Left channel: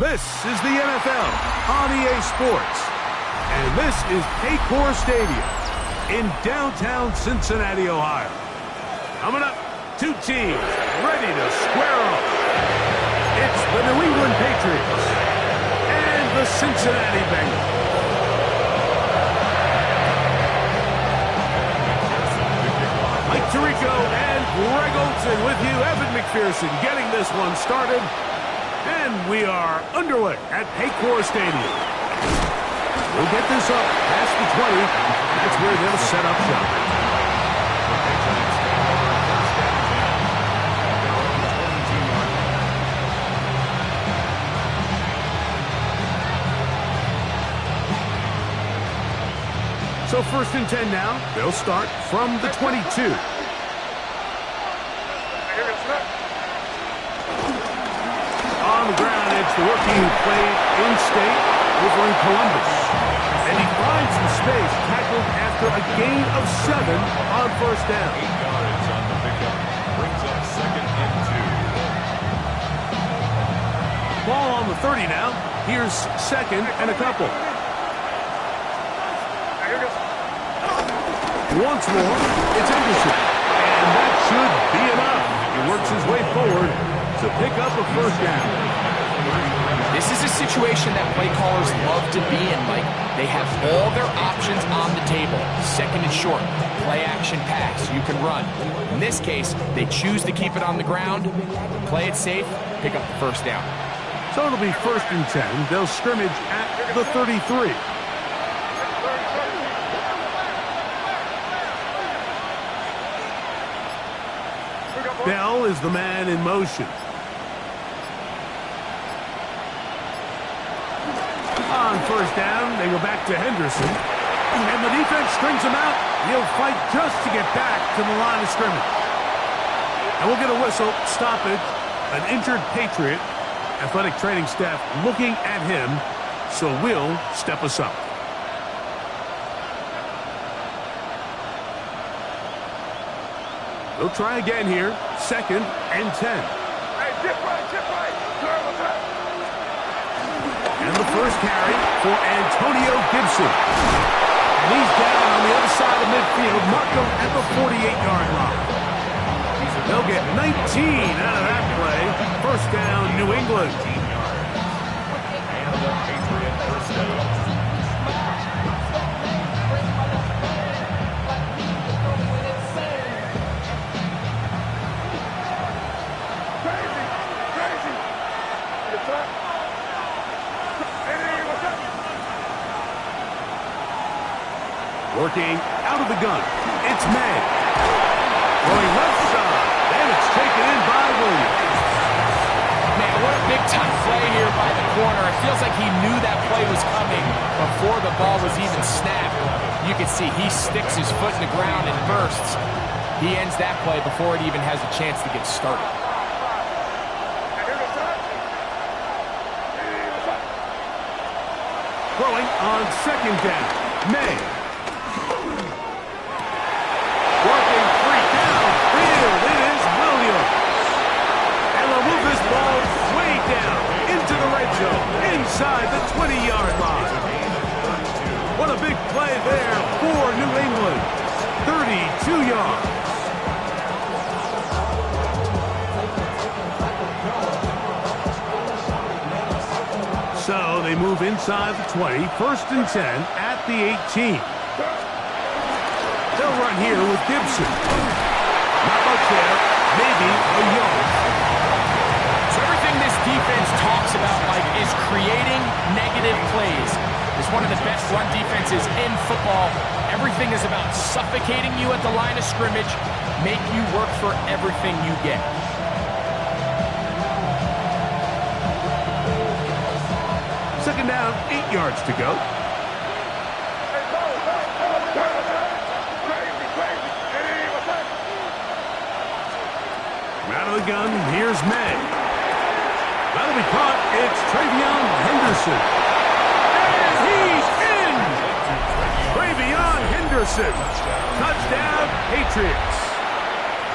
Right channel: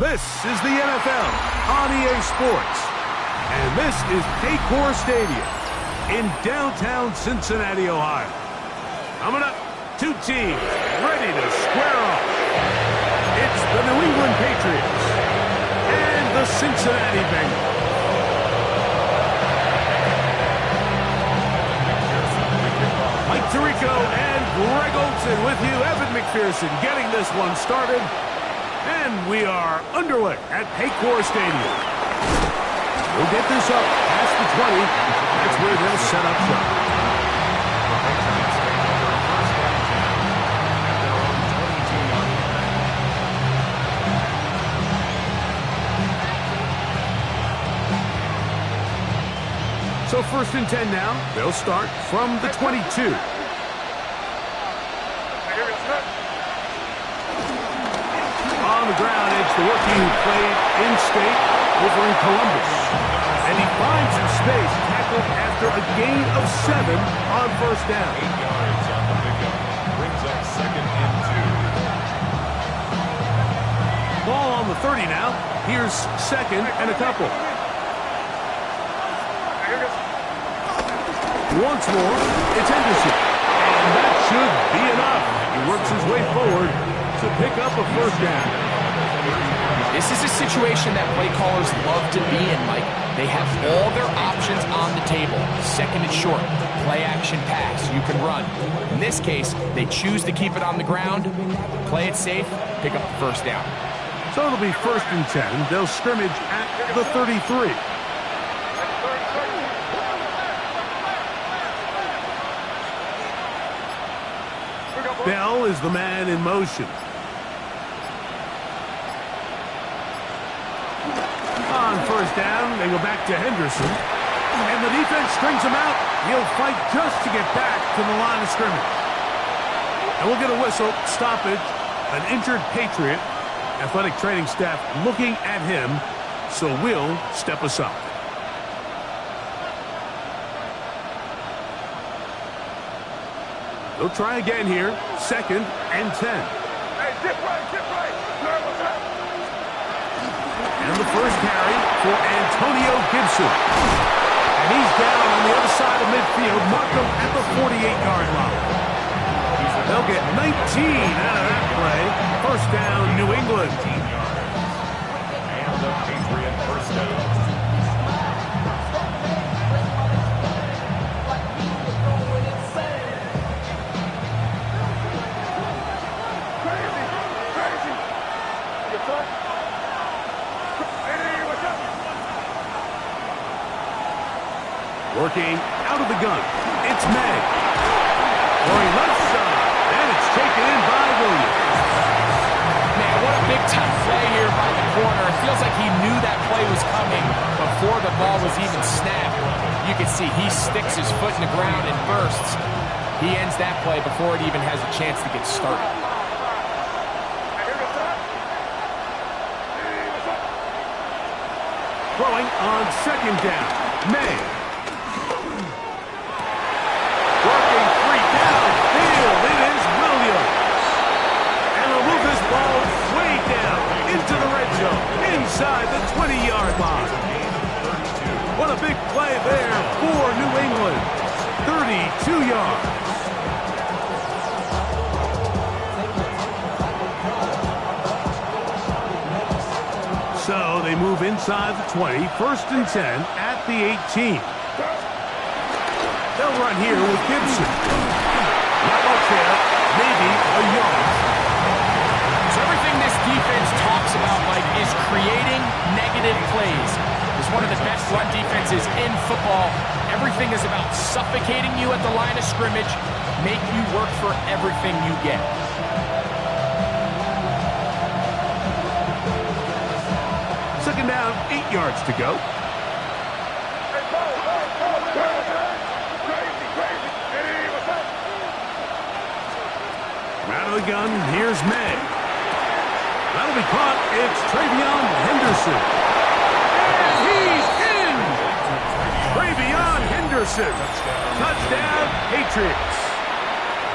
This is the NFL on EA Sports. And this is Paycor Stadium in downtown Cincinnati, Ohio. Coming up, two teams ready to square off. It's the New England Patriots and the Cincinnati Bengals. Mike Tirico and Greg Olsen with you. Evan McPherson getting this one started. And we are underway at Paycor Stadium. We'll get this up past the 20. That's where they'll set up shop. The Patriots take over first down 10 at their own 22-yard line. So first and 10 now. They'll start from the 22. On the ground, it's the rookie who played in-state over in Columbus. And he finds some space, tackled after a gain of 7 on first down. 8 yards on the pickup. Brings up second and 2. Ball on the 30 now. Here's second and a couple. Once more, it's Henderson. And that should be enough. He works his way forward to pick up a first down. This is a situation that play callers love to be in, Mike. They have all their options on the table. Second and short, play action pass, you can run. In this case, they choose to keep it on the ground, play it safe, pick up the first down. So it'll be first and 10. They'll scrimmage at the 33. Bell is the man in motion. On first down, they go back to Henderson. And the defense strings him out. He'll fight just to get back to the line of scrimmage. And we'll get a whistle, stoppage, an injured Patriot. Athletic training staff looking at him, so we'll step aside. They'll try again here. Second and 10. Hey, dip right. And the first carry for Antonio Gibson. And he's down on the other side of midfield. Mark him at the 48-yard line. They'll get 19 out of that play. First down, New England. 18 yards. And the Patriot first down. Working out of the gun, it's May. Going left side, and it's taken in by Williams. Man, what a big-time play here by the corner. It feels like he knew that play was coming before the ball was even snapped. You can see he sticks his foot in the ground and bursts. He ends that play before it even has a chance to get started. Throwing on second down, May. Working free downfield, it is Williams. And they'll move this ball way down into the red zone, inside the 20-yard line. What a big play there for New England. 32 yards. So they move inside the 20, first and 10 at the 18. They'll run here with Gibson. Not much there, maybe a yard. So everything this defense talks about, Mike, is creating negative plays. It's one of the best run defenses in football. Everything is about suffocating you at the line of scrimmage, make you work for everything you get. Second down, 8 yards to go. Out of the gun, here's May. That'll be caught. It's Travion Henderson. And he's in! Travion Henderson. Touchdown, Patriots.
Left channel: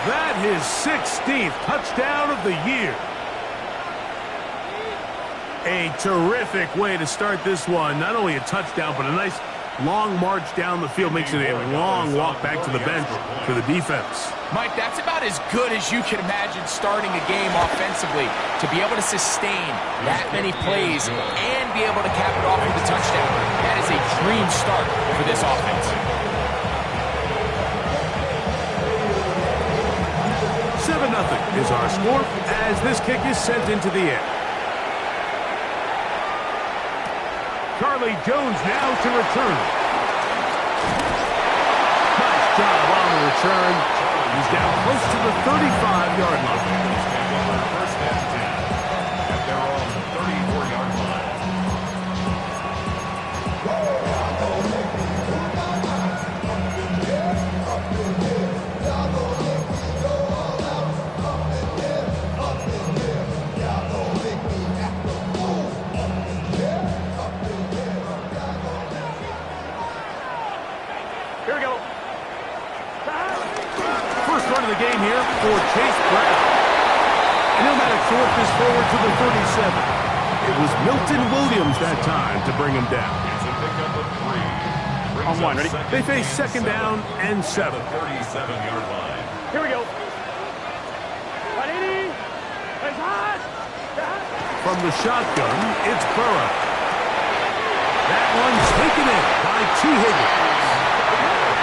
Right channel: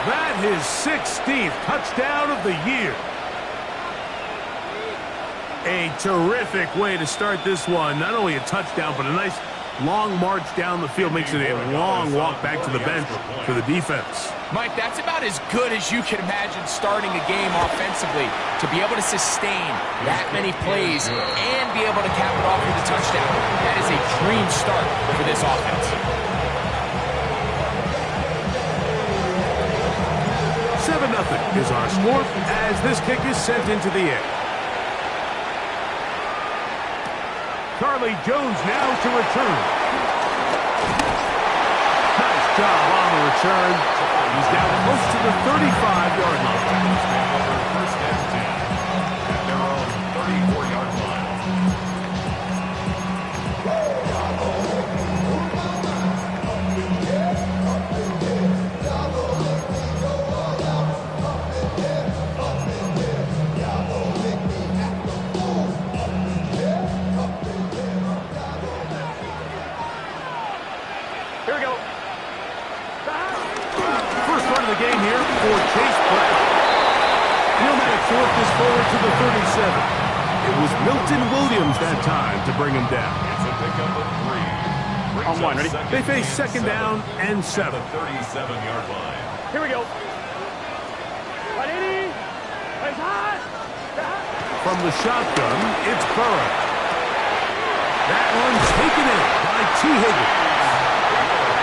That his 16th touchdown of the year. A terrific way to start this one. Not only a touchdown, but a nice long march down the field. Makes it a long walk back to the bench for the defense. Mike, that's about as good as you can imagine starting a game offensively. To be able to sustain that many plays and be able to cap it off with a touchdown. That is a dream start for this offense. 7-0 is our score as this kick is sent into the air. Charlie Jones now to return. Nice job on the return. He's down close to the 35-yard line. First and 10 at their own 34-yard line. Here we go. First run of the game here for Chase Brown. And he'll manage to work this forward to the 37. It was Milton Williams that time to bring him down. It's a pickup of 3. On one, ready? They face second down and 7. The 37-yard line. Here we go. 180. It's hot. From the shotgun, it's Burrow. That one's taken in by T. Higgins.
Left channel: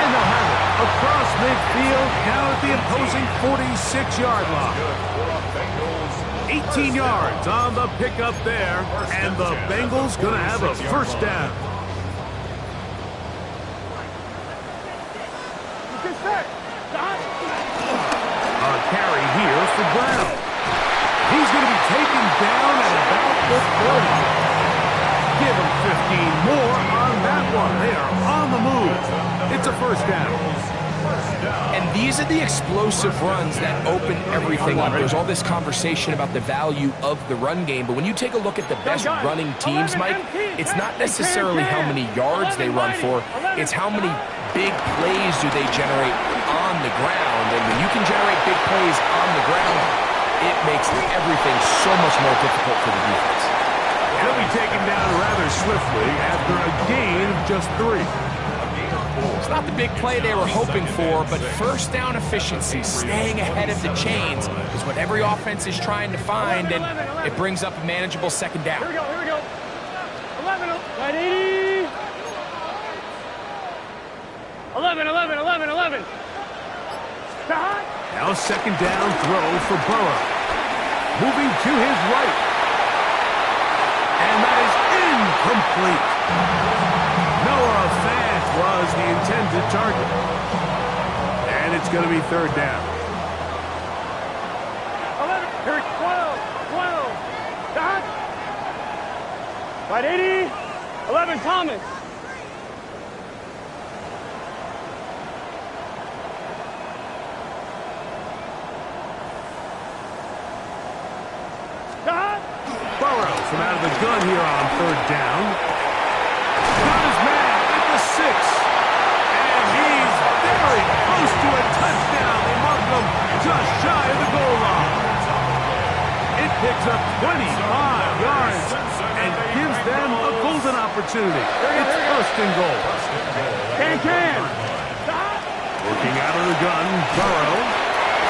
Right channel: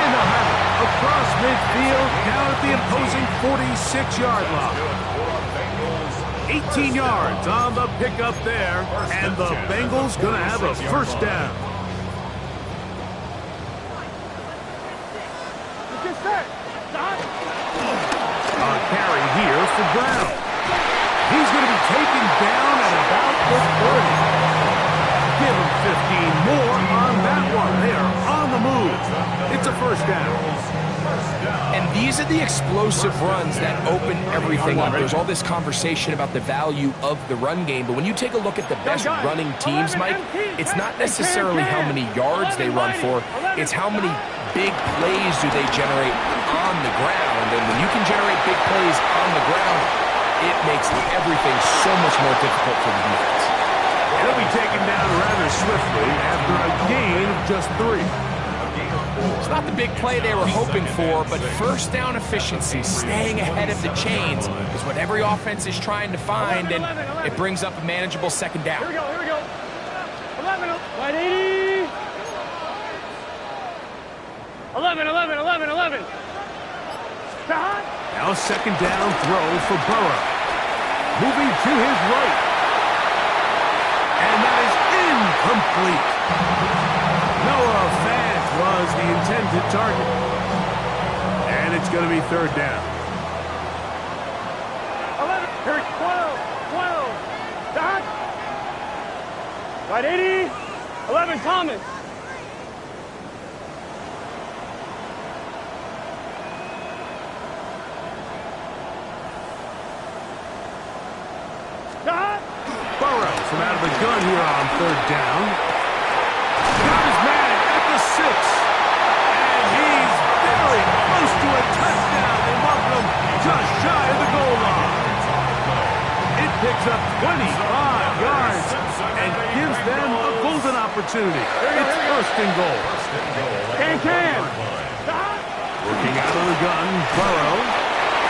And they'll have it across midfield, down at the opposing 46-yard line. 18 yards on the pickup there, and the Bengals going to have a first down. A carry here for Brown. He's going to be taken down at about the 30. Give him 15 more on that one. They are on the move. It's a first down. And these are the explosive runs that open everything up. There's all this conversation about the value of the run game, but when you take a look at the best running teams, Mike, it's not necessarily how many yards they run for, it's how many big plays do they generate on the ground. And when you can generate big plays on the ground, it makes everything so much more difficult for the defense. And he'll be taken down rather swiftly after a gain of just 3. It's not the big play they were hoping for, but first down efficiency, staying ahead of the chains, is what every offense is trying to find, and it brings up a manageable second down. Here we go. 11. 180. 11. Now second down throw for Burrow. Moving to his right. And that is incomplete. Noah Fant was the intended target. And it's going to be third down. 11. Here, 12. 180. 11, Thomas. Burrow from out of the gun here on third down. Got his man at the 6. And he's very close to a touchdown. They mark him just shy of the goal line. It picks up 25 yards and gives them a golden opportunity. It's first and goal. Can. Working out of the gun, Burrow.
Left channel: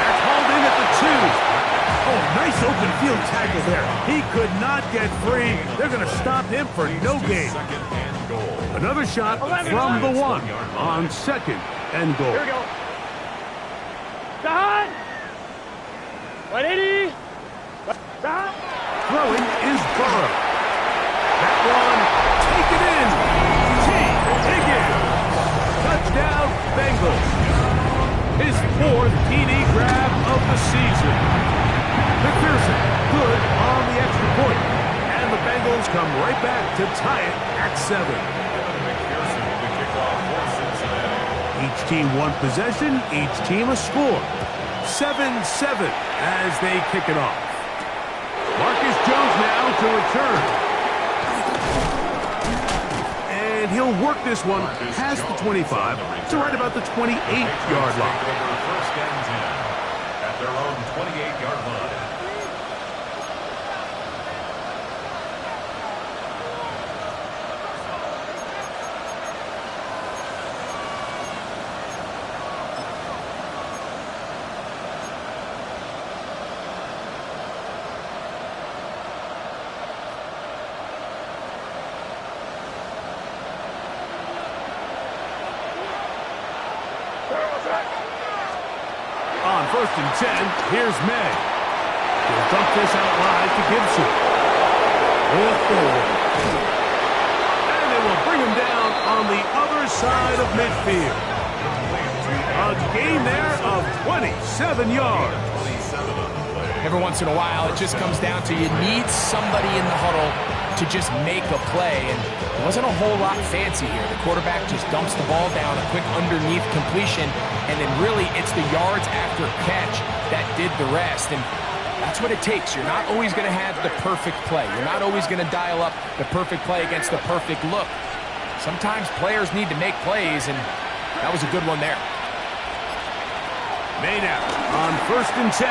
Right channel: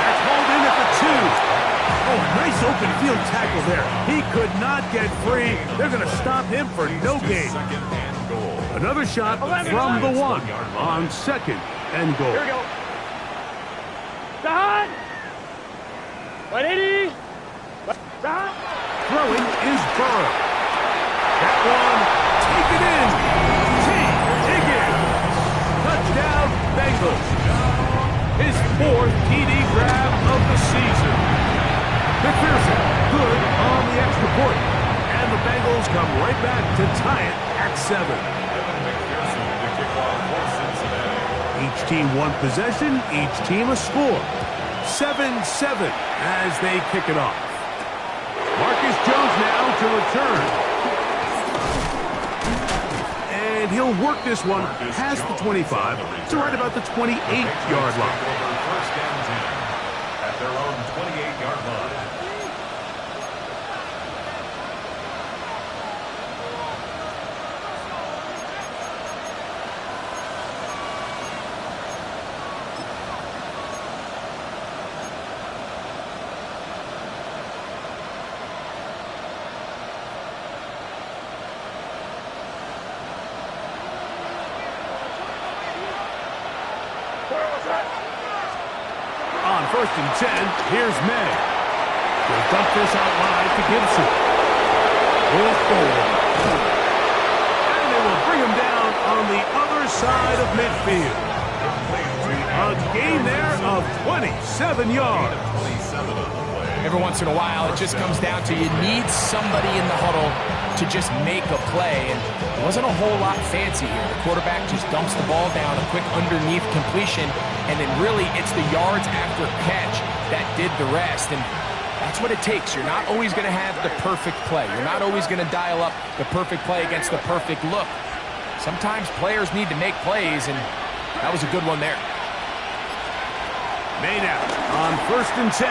That's hauled in at the 2. Oh, nice open field tackle there. He could not get free. They're going to stop him for no gain. Another shot from the 1 on second and goal. Here we go. Dot. 180. Dot. Throwing is Burrow. That one taken in. T. Higgins. Touchdown, Bengals. His 4th TD grab of the season. McPherson, good on the extra point. And the Bengals come right back to tie it at 7. Evan McPherson to kick off for Cincinnati. Each team one possession, each team a score. 7-7 as they kick it off. Marcus Jones now to return. And he'll work this one past the 25 to right about the 28-yard line. First and 10 at their own 28-yard line. first and 10, here's May. He'll dump this out wide to Gibson. And they will bring him down on the other side of midfield. A gain there of 27 yards. Every once in a while, it just comes down to you need somebody in the huddle to just make a play, and it wasn't a whole lot fancy here. The quarterback just dumps the ball down, a quick underneath completion, and then really it's the yards after catch that did the rest, and that's what it takes. You're not always going to have the perfect play. You're not always going to dial up the perfect play against the perfect look. Sometimes players need to make plays, and that was a good one there. May now on first and 10.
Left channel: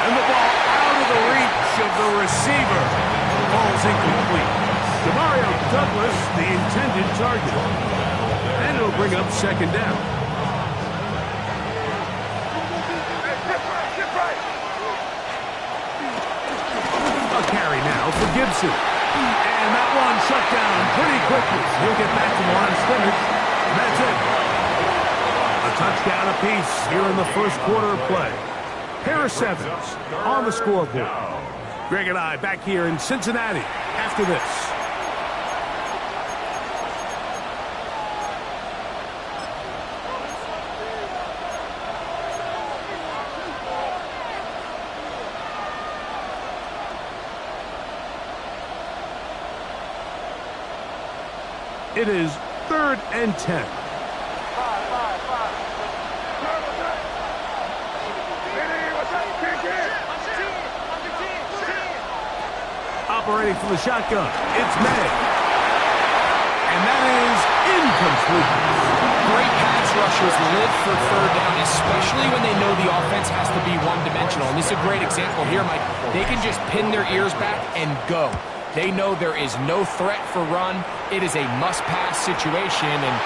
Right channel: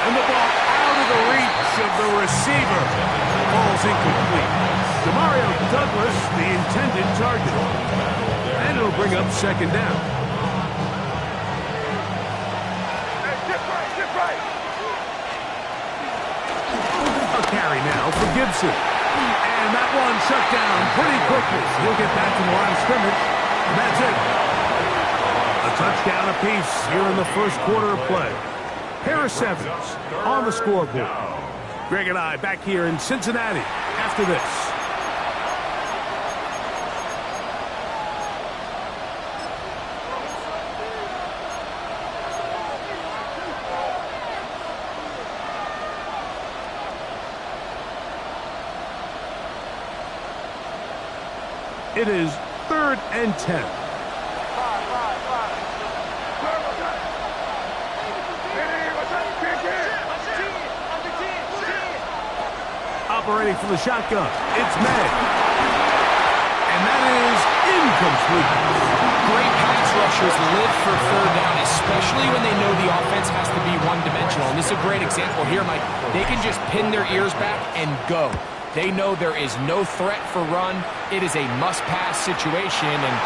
And the ball out of the reach of the receiver. Ball's incomplete. Demario Douglas, the intended target. And it'll bring up second down. A carry now for Gibson. And that one shut down pretty quickly. He'll get back to the line of scrimmage. And that's it. A touchdown apiece here in the first quarter of play. Harris Evans on the scoreboard. Greg and I back here in Cincinnati after this. It is 3rd and 10. Operating from the shotgun, it's May. And that is incomplete. Great pass rushers live for third down, especially when they know the offense has to be one-dimensional. And this is a great example here, Mike. They can just pin their ears back and go. They know there is no threat for run. It is a must-pass situation, and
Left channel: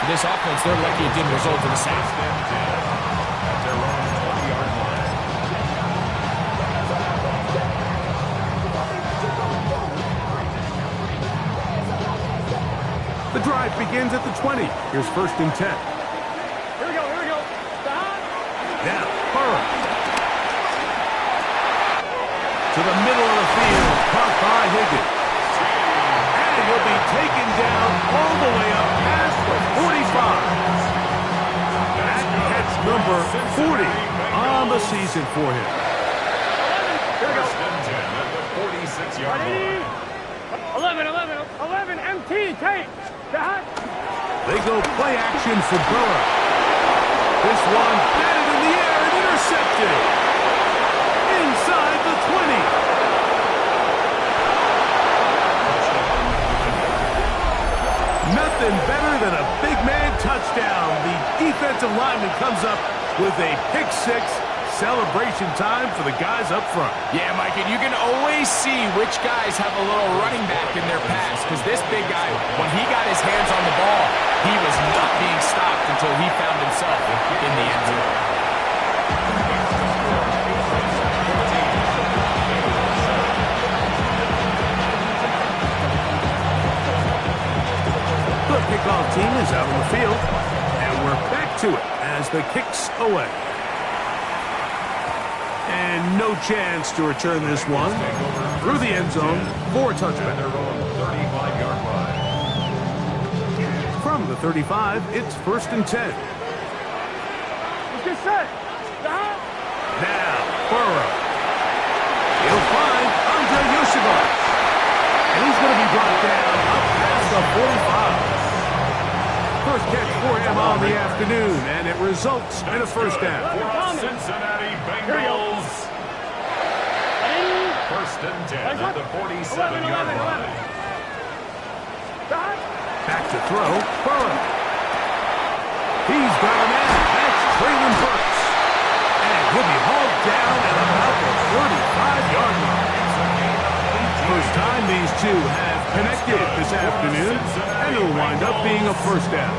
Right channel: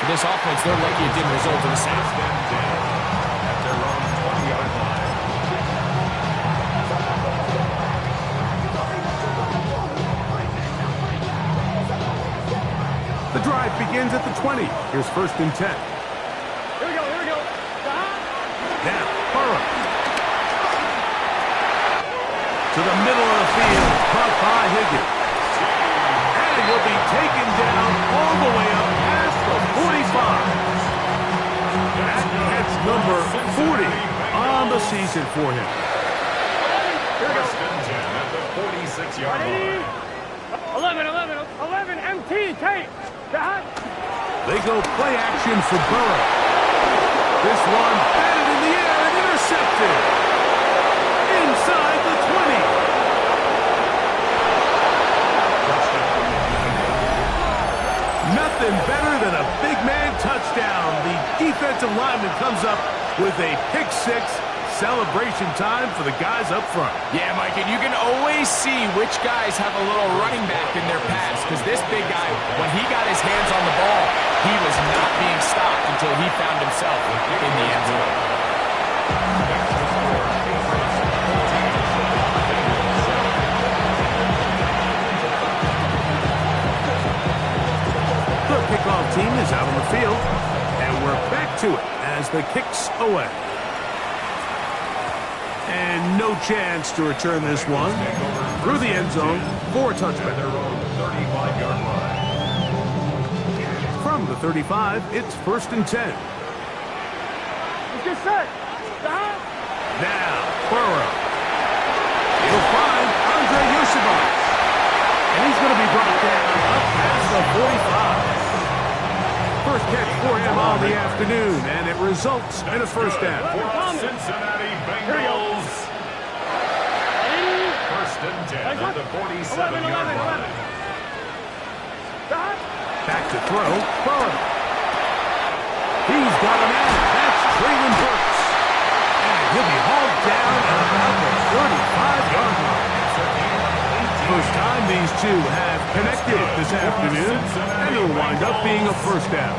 for this offense, they're lucky it didn't result in a sack. At their own 20-yard line. The drive begins at the 20. Here's 1st and 10. Here we go. Stop. Now, Burrow. To the middle of the field, caught by Higgins. And he'll be taken down all the way up past the 45. That's number 40 on the season for him. 11. Here we go. First and 10 at the 46-yard line. 11 MT, take. Stop. They go play action for Burrow. This one batted in the air and intercepted. Inside the 20. Nothing better than a big man touchdown. The defensive lineman comes up with a pick six. Celebration time for the guys up front. Yeah, Mike, and you can always see which guys have a little running back in their pass, because this big guy, when he got his hands on the ball, he was not being stopped until he found himself in the end zone. The kickoff team is out on the field, and we're back to it as the kick's away. And no chance to return this one through the end zone for a touchback. From the 35, it's 1st and 10. Let's get set. Stop. Now, Burrow. He'll find Andre Yosibas. And he's going to be brought down up past the 45. First catch for him on the afternoon, and it results in a first down. For Cincinnati Bengals. 1st and 10 at the 47-yard line. Stop. Back to throw, Burrow. He's got a man. That's Traylon Burks. And he'll be hauled down at about the 35-yard line. First time these two have connected this afternoon, and it'll wind up being a first down.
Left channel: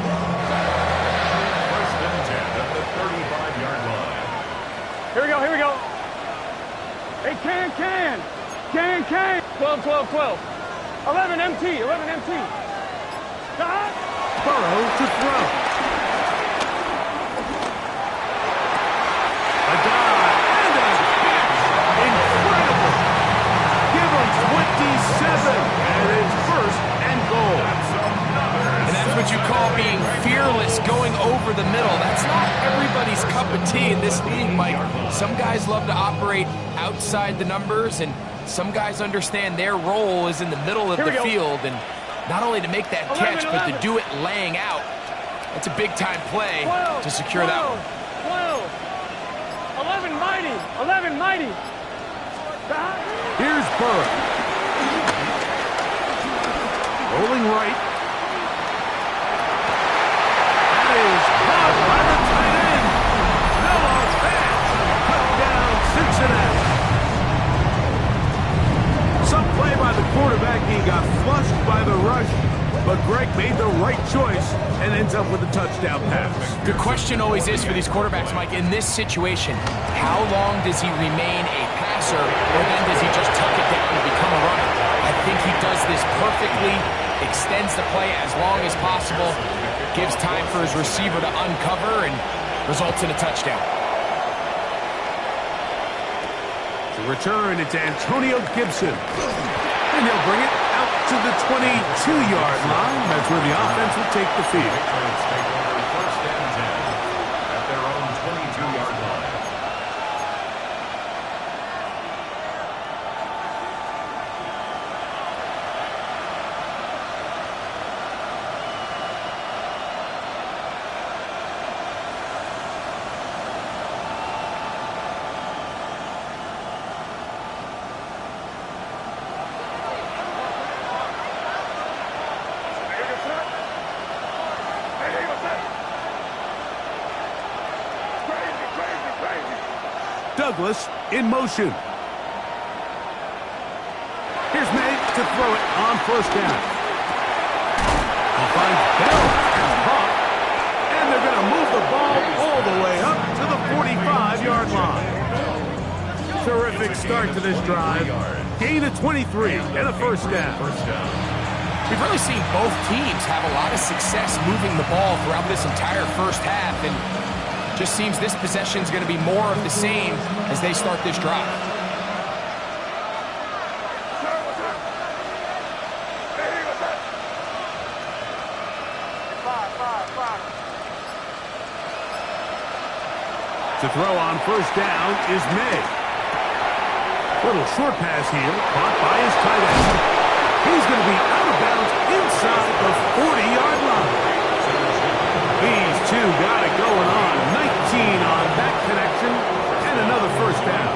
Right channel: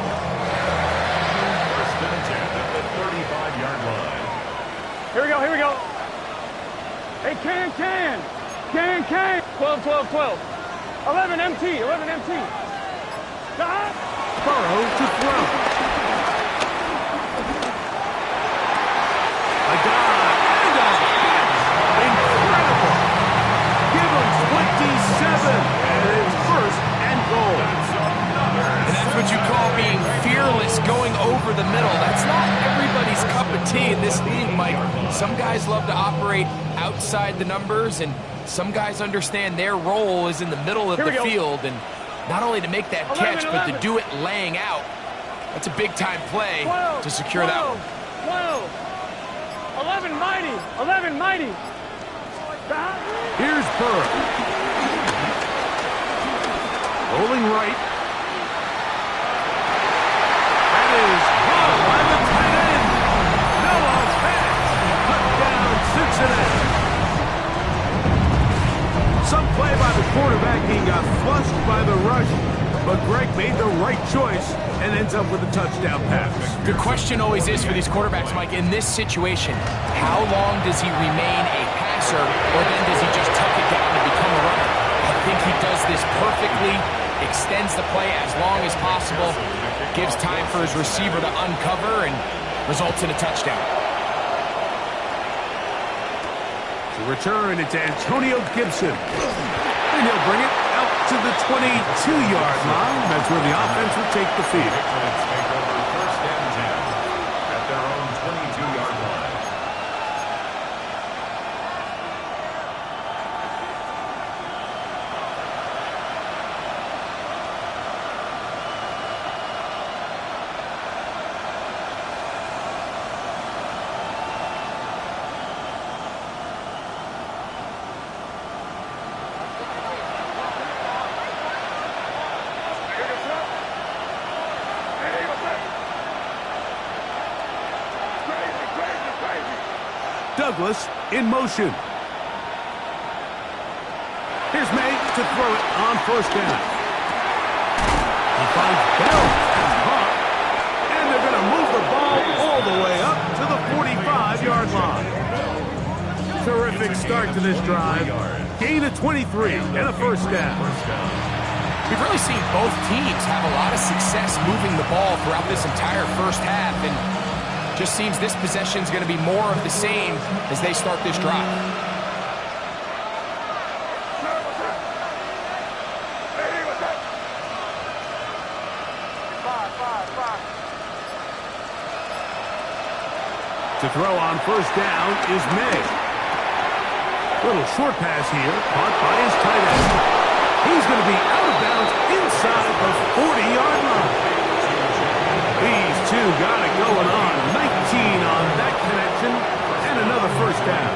1st and 10 at the 35-yard line. Here we go. Hey, can. 12. 11 MT. Stop. Burrow to throw. A dive and a catch. Incredible. Give him 27, and it's first and goal. And that's what you call being fearless, going over the middle. That's not everybody's cup of tea in this league, Mike. Some guys love to operate outside the numbers, and some guys understand their role is in the middle of the field. And not only to make that catch, but to do it laying out. That's a big-time play to secure that one. 11 mighty. 11 mighty. Here's Burrow. Rolling right. That is caught by the tight end. Noah Fant. Touchdown, Cincinnati. Some play by the quarterback. He got flushed by the rush, but Greg made the right choice and ends up with a touchdown pass. The question always is for these quarterbacks, Mike, in this situation, how long does he remain a passer, or then does he just tuck it down and become a runner? I think he does this perfectly, extends the play as long as possible, gives time for his receiver to uncover, and results in a touchdown. To return, it's Antonio Gibson. And he'll bring it out to the 22-yard line. That's where the offense will take the field. Patriots take over first and 10 at their own 22-yard line. Douglas in motion. Here's May to throw it on first down. He finds Bell and caught, and they're going to move the ball all the way up to the 45-yard line. Terrific start to this drive. Gain of 23 and a first down. We've really seen both teams have a lot of success moving the ball throughout this entire first half, and just seems this possession is going to be more of the same as they start this drive. To throw on first down is May. Little short pass here, caught by his tight end. He's going to be out of bounds inside the 40-yard line. These two got it going on. 19 on that connection, and another first down.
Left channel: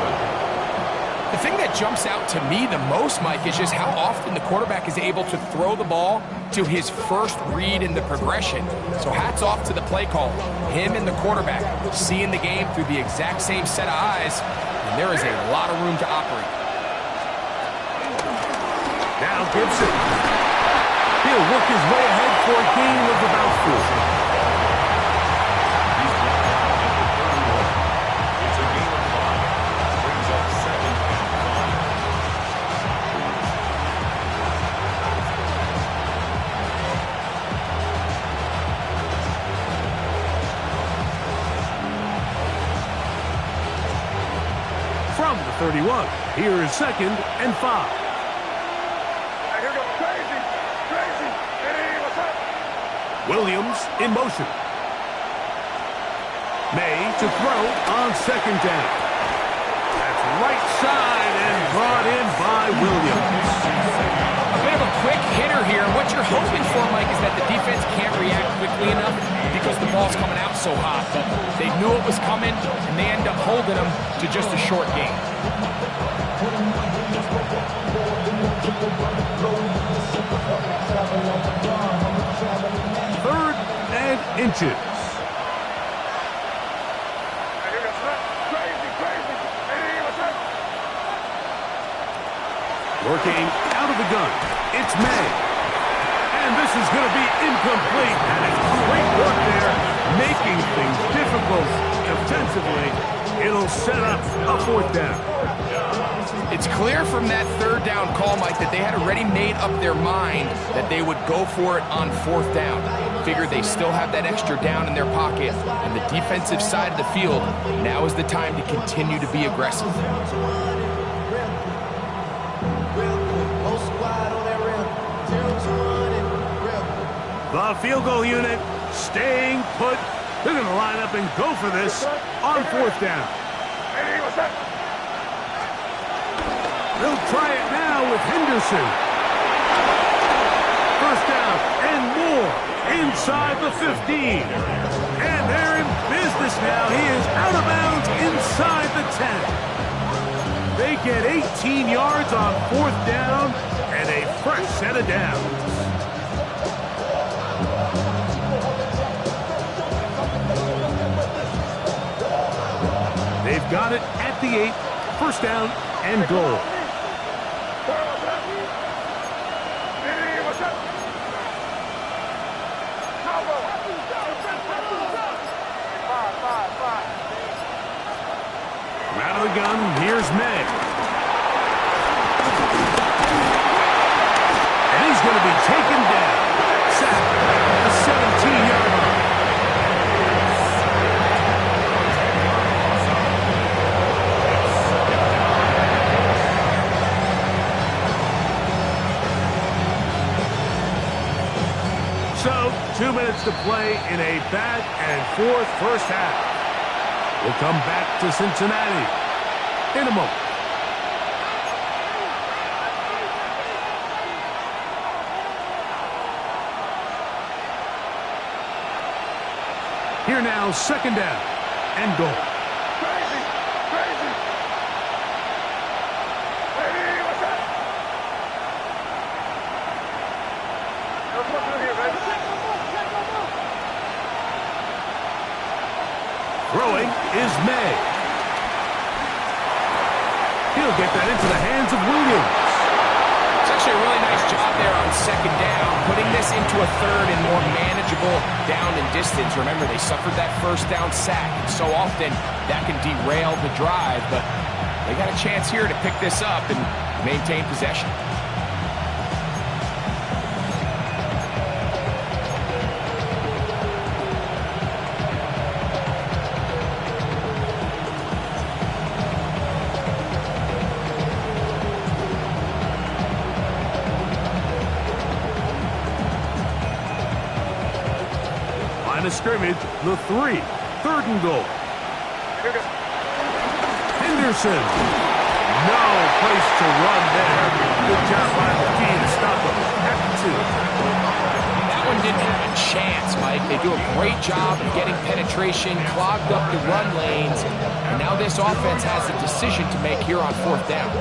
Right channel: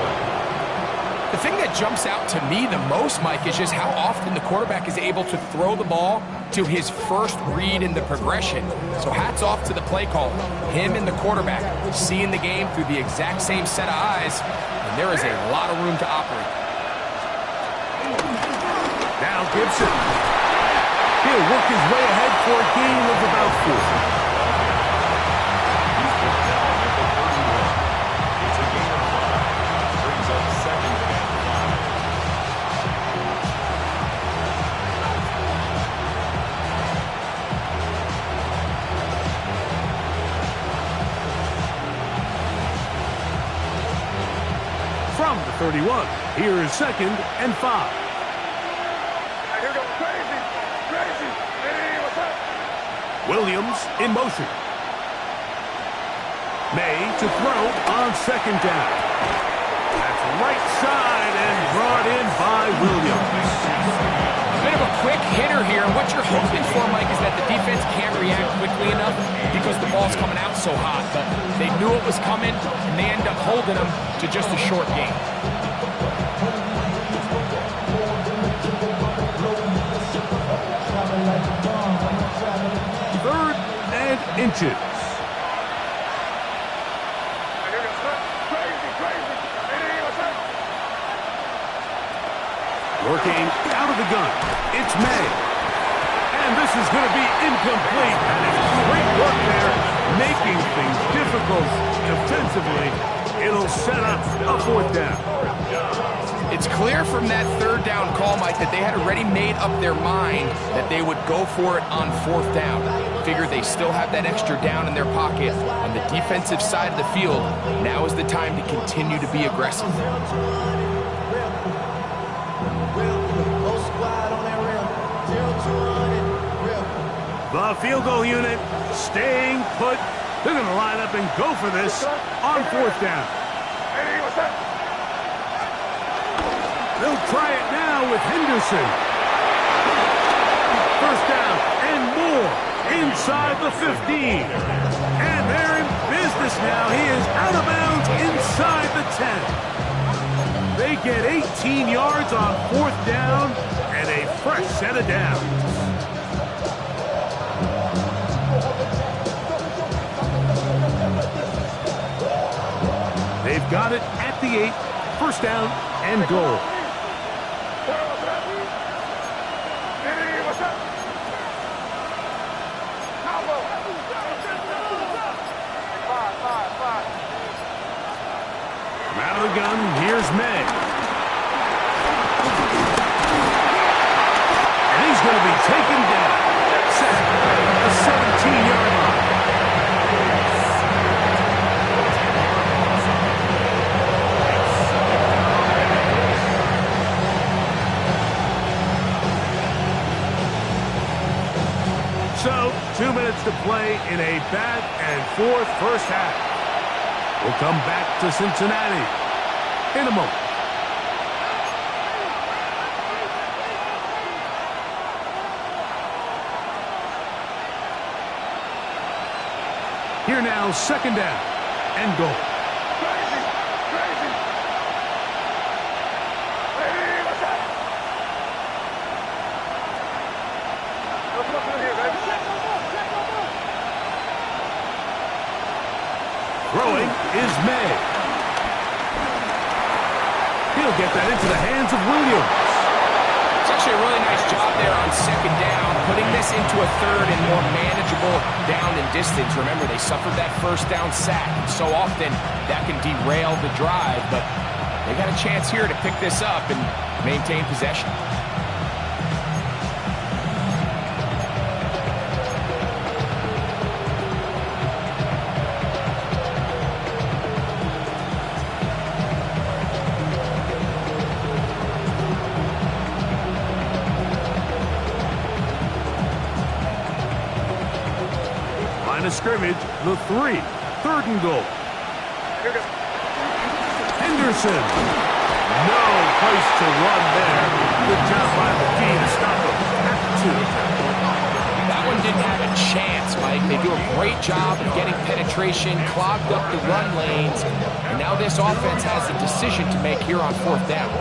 The thing that jumps out to me the most, Mike, is just how often the quarterback is able to throw the ball to his first read in the progression. So hats off to the play call. Him and the quarterback seeing the game through the exact same set of eyes, and there is a lot of room to operate. Now Gibson. He'll work his way ahead for a gain of about 4. He's brought down at the 31. It's a gain of 5. Brings up second and 5. From the 31, here is second and 5. Here goes crazy. Hey, what's up? Williams in motion. May to throw on second down. That's right side and brought in by Williams. A bit of a quick hitter here. What you're hoping for, Mike, is that the defense can't react quickly enough because the ball's coming out so hot. But they knew it was coming, and they end up holding them to just a short gain. Third and inches. Working out of the gun, it's May. And this is going to be incomplete. That is great work there, making things difficult defensively. It'll set up a fourth down. It's clear from that third down call, Mike, that they had already made up their mind that they would go for it on fourth down. figure they still have that extra down in their pocket, and the defensive side of the field, now is the time to continue to be aggressive. The field goal unit staying put. They're going to line up and go for this on fourth down. They'll try it now with Henderson. First down and more inside the 15. And they're in business now. He is out of bounds inside the 10. They get 18 yards on fourth down and a fresh set of downs. They've got it at the 8. First down and goal. From out of the gun, here's May. And he's going to be taken down. Sacked at the 17-yard line. So, 2 minutes to play in a back-and-forth first half. We'll come back to Cincinnati in a moment. Here now, second down and goal. Throwing is May. He'll get that into the hands of Williams. It's actually a really nice job there on second down, putting this into a third and more manageable down and distance. Remember, they suffered that first down sack, and so often that can derail the drive, but they got a chance here to pick this up and maintain possession. Line of scrimmage, the 3. Third and goal. Henderson. No place to run there. Good job by McKee to stop him at the 2. That one didn't have a chance, Mike. They do a great job of getting penetration, clogged up the run lanes, and now this offense has a decision to make here on fourth down.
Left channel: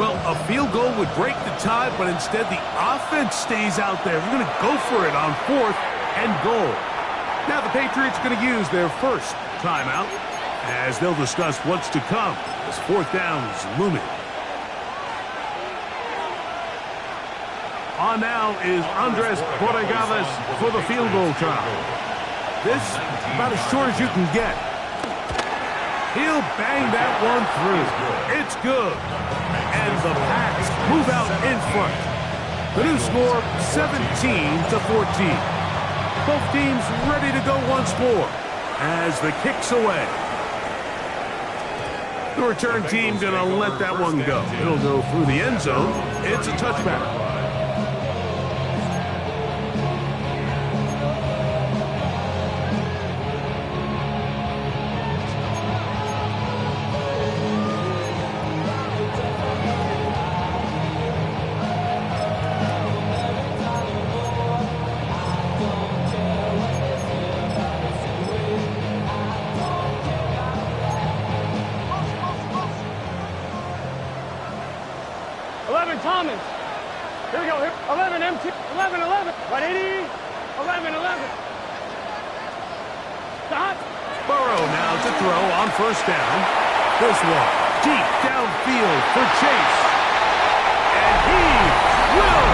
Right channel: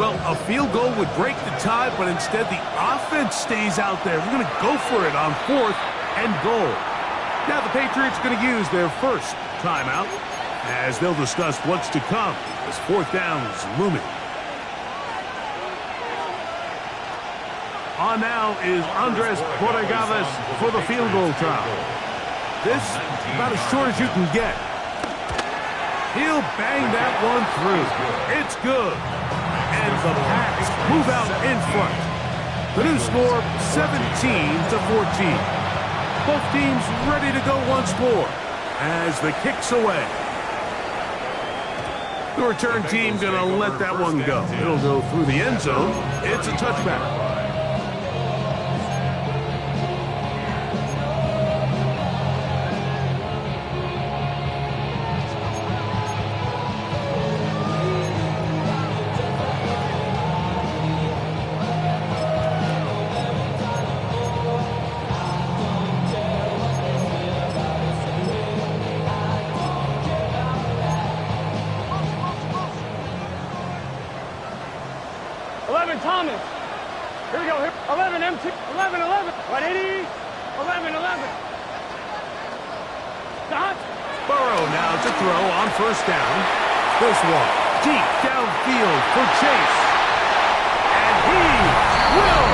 Well, a field goal would break the tie, but instead the offense stays out there. We're going to go for it on fourth and goal. Now the Patriots are going to use their first timeout as they'll discuss what's to come as fourth down is looming. On now is Andres Borregales for the field goal try. This about as short as you can get. He'll bang that one through. It's good. And the Pats move out in front. The new score, 17-14. Both teams ready to go once more as the kick's away. The return team going to let that one go. It'll go through the end zone. It's a touchback. Thomas. Here we go. Here. 11 MT. 11 11. 180. 11 11. Stop. Burrow now to throw on first down. This one deep downfield for Chase. And he will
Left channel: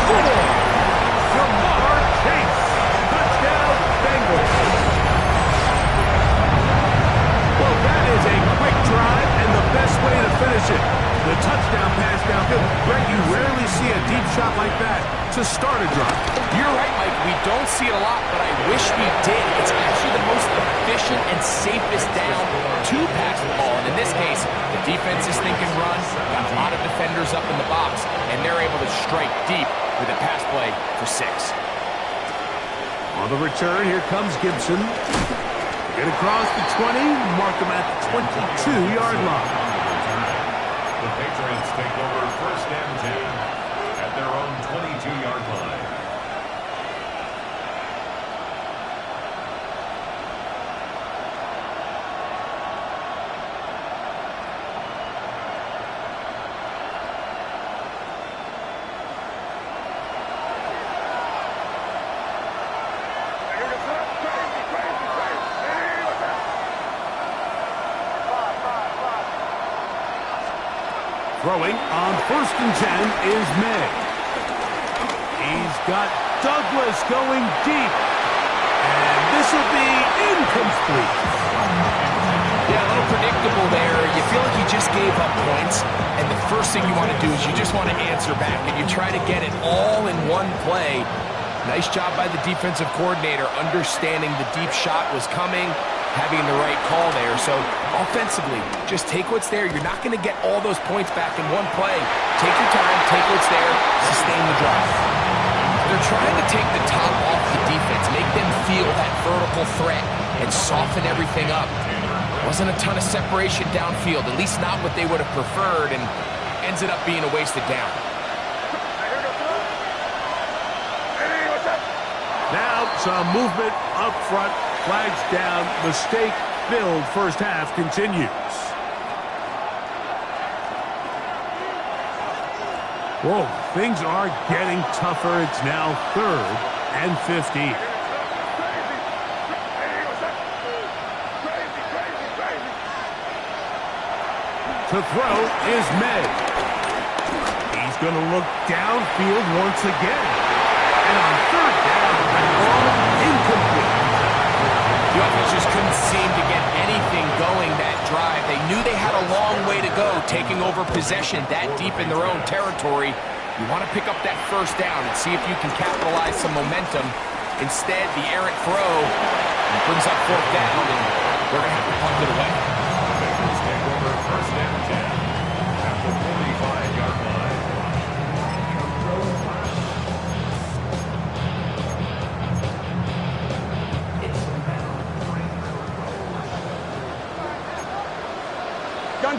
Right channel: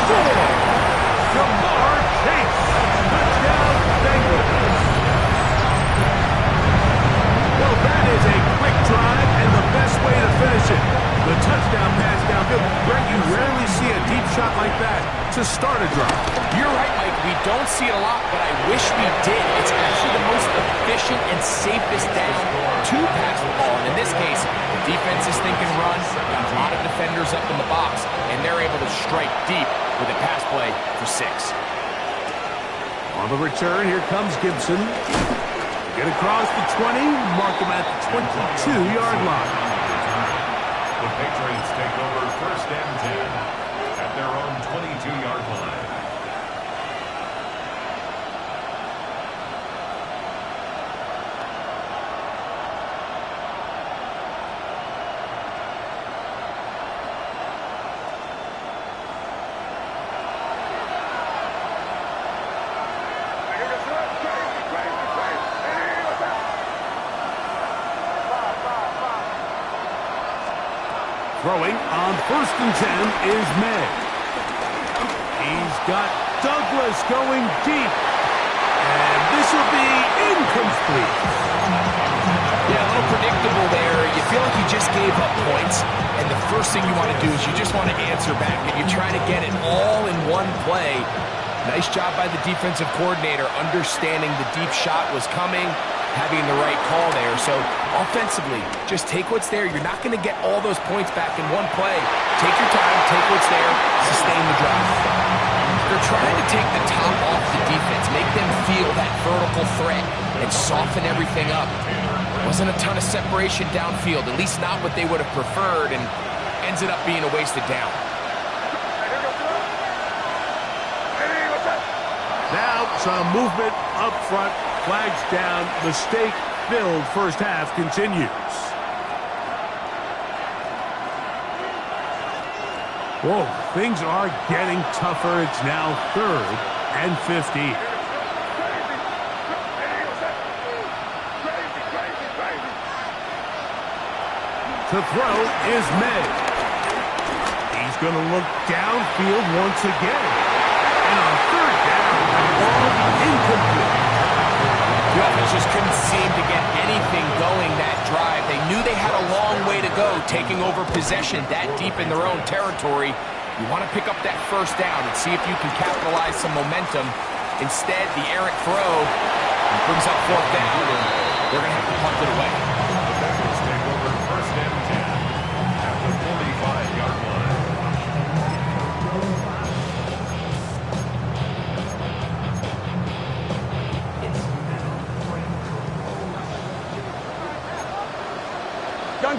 score. Jamar Chase. Touchdown Bengals. Well, that is a quick drive, and the best way to finish it. The touchdown pass downfield. Greg, you rarely see a deep shot like that to start a drive. You're right, Mike. We don't see it a lot, but I wish we did. It's actually the most efficient and safest down to pass the ball. And in this case, the defense is thinking run, got a lot of defenders up in the box, and they're able to strike deep with a pass play for 6. On the return, here comes Gibson. Get across the 20, mark him at the 22-yard line. The Patriots take over 1st and 10 at their own 22-yard line. Throwing on 1st and 10 is May. He's got Douglas going deep. And this will be incomplete. Yeah, a little predictable there. You feel like you just gave up points, and the first thing you want to do is you just want to answer back, and you try to get it all in one play. Nice job by the defensive coordinator understanding the deep shot was coming, having the right call there. So offensively, just take what's there. You're not going to get all those points back in one play. Take your time, take what's there, sustain the drive. They're trying to take the top off the defense, make them feel that vertical threat, and soften everything up. Wasn't a ton of separation downfield, at least not what they would have preferred, and ends it up being a wasted down. Now some movement up front. Flags down. Mistake-filled first half continues. Whoa, things are getting tougher. It's now 3rd and 15. To throw is May. He's going to look downfield once again. And on 3rd down, that ball incomplete. The offense just couldn't seem to get anything going that drive. They knew they had a long way to go, taking over possession that deep in their own territory. You want to pick up that 1st down and see if you can capitalize some momentum. Instead, the errant throw brings up 4th down, and they're going to have to punt it away. The Bengals take over 1st and 10 at the 45-yard line.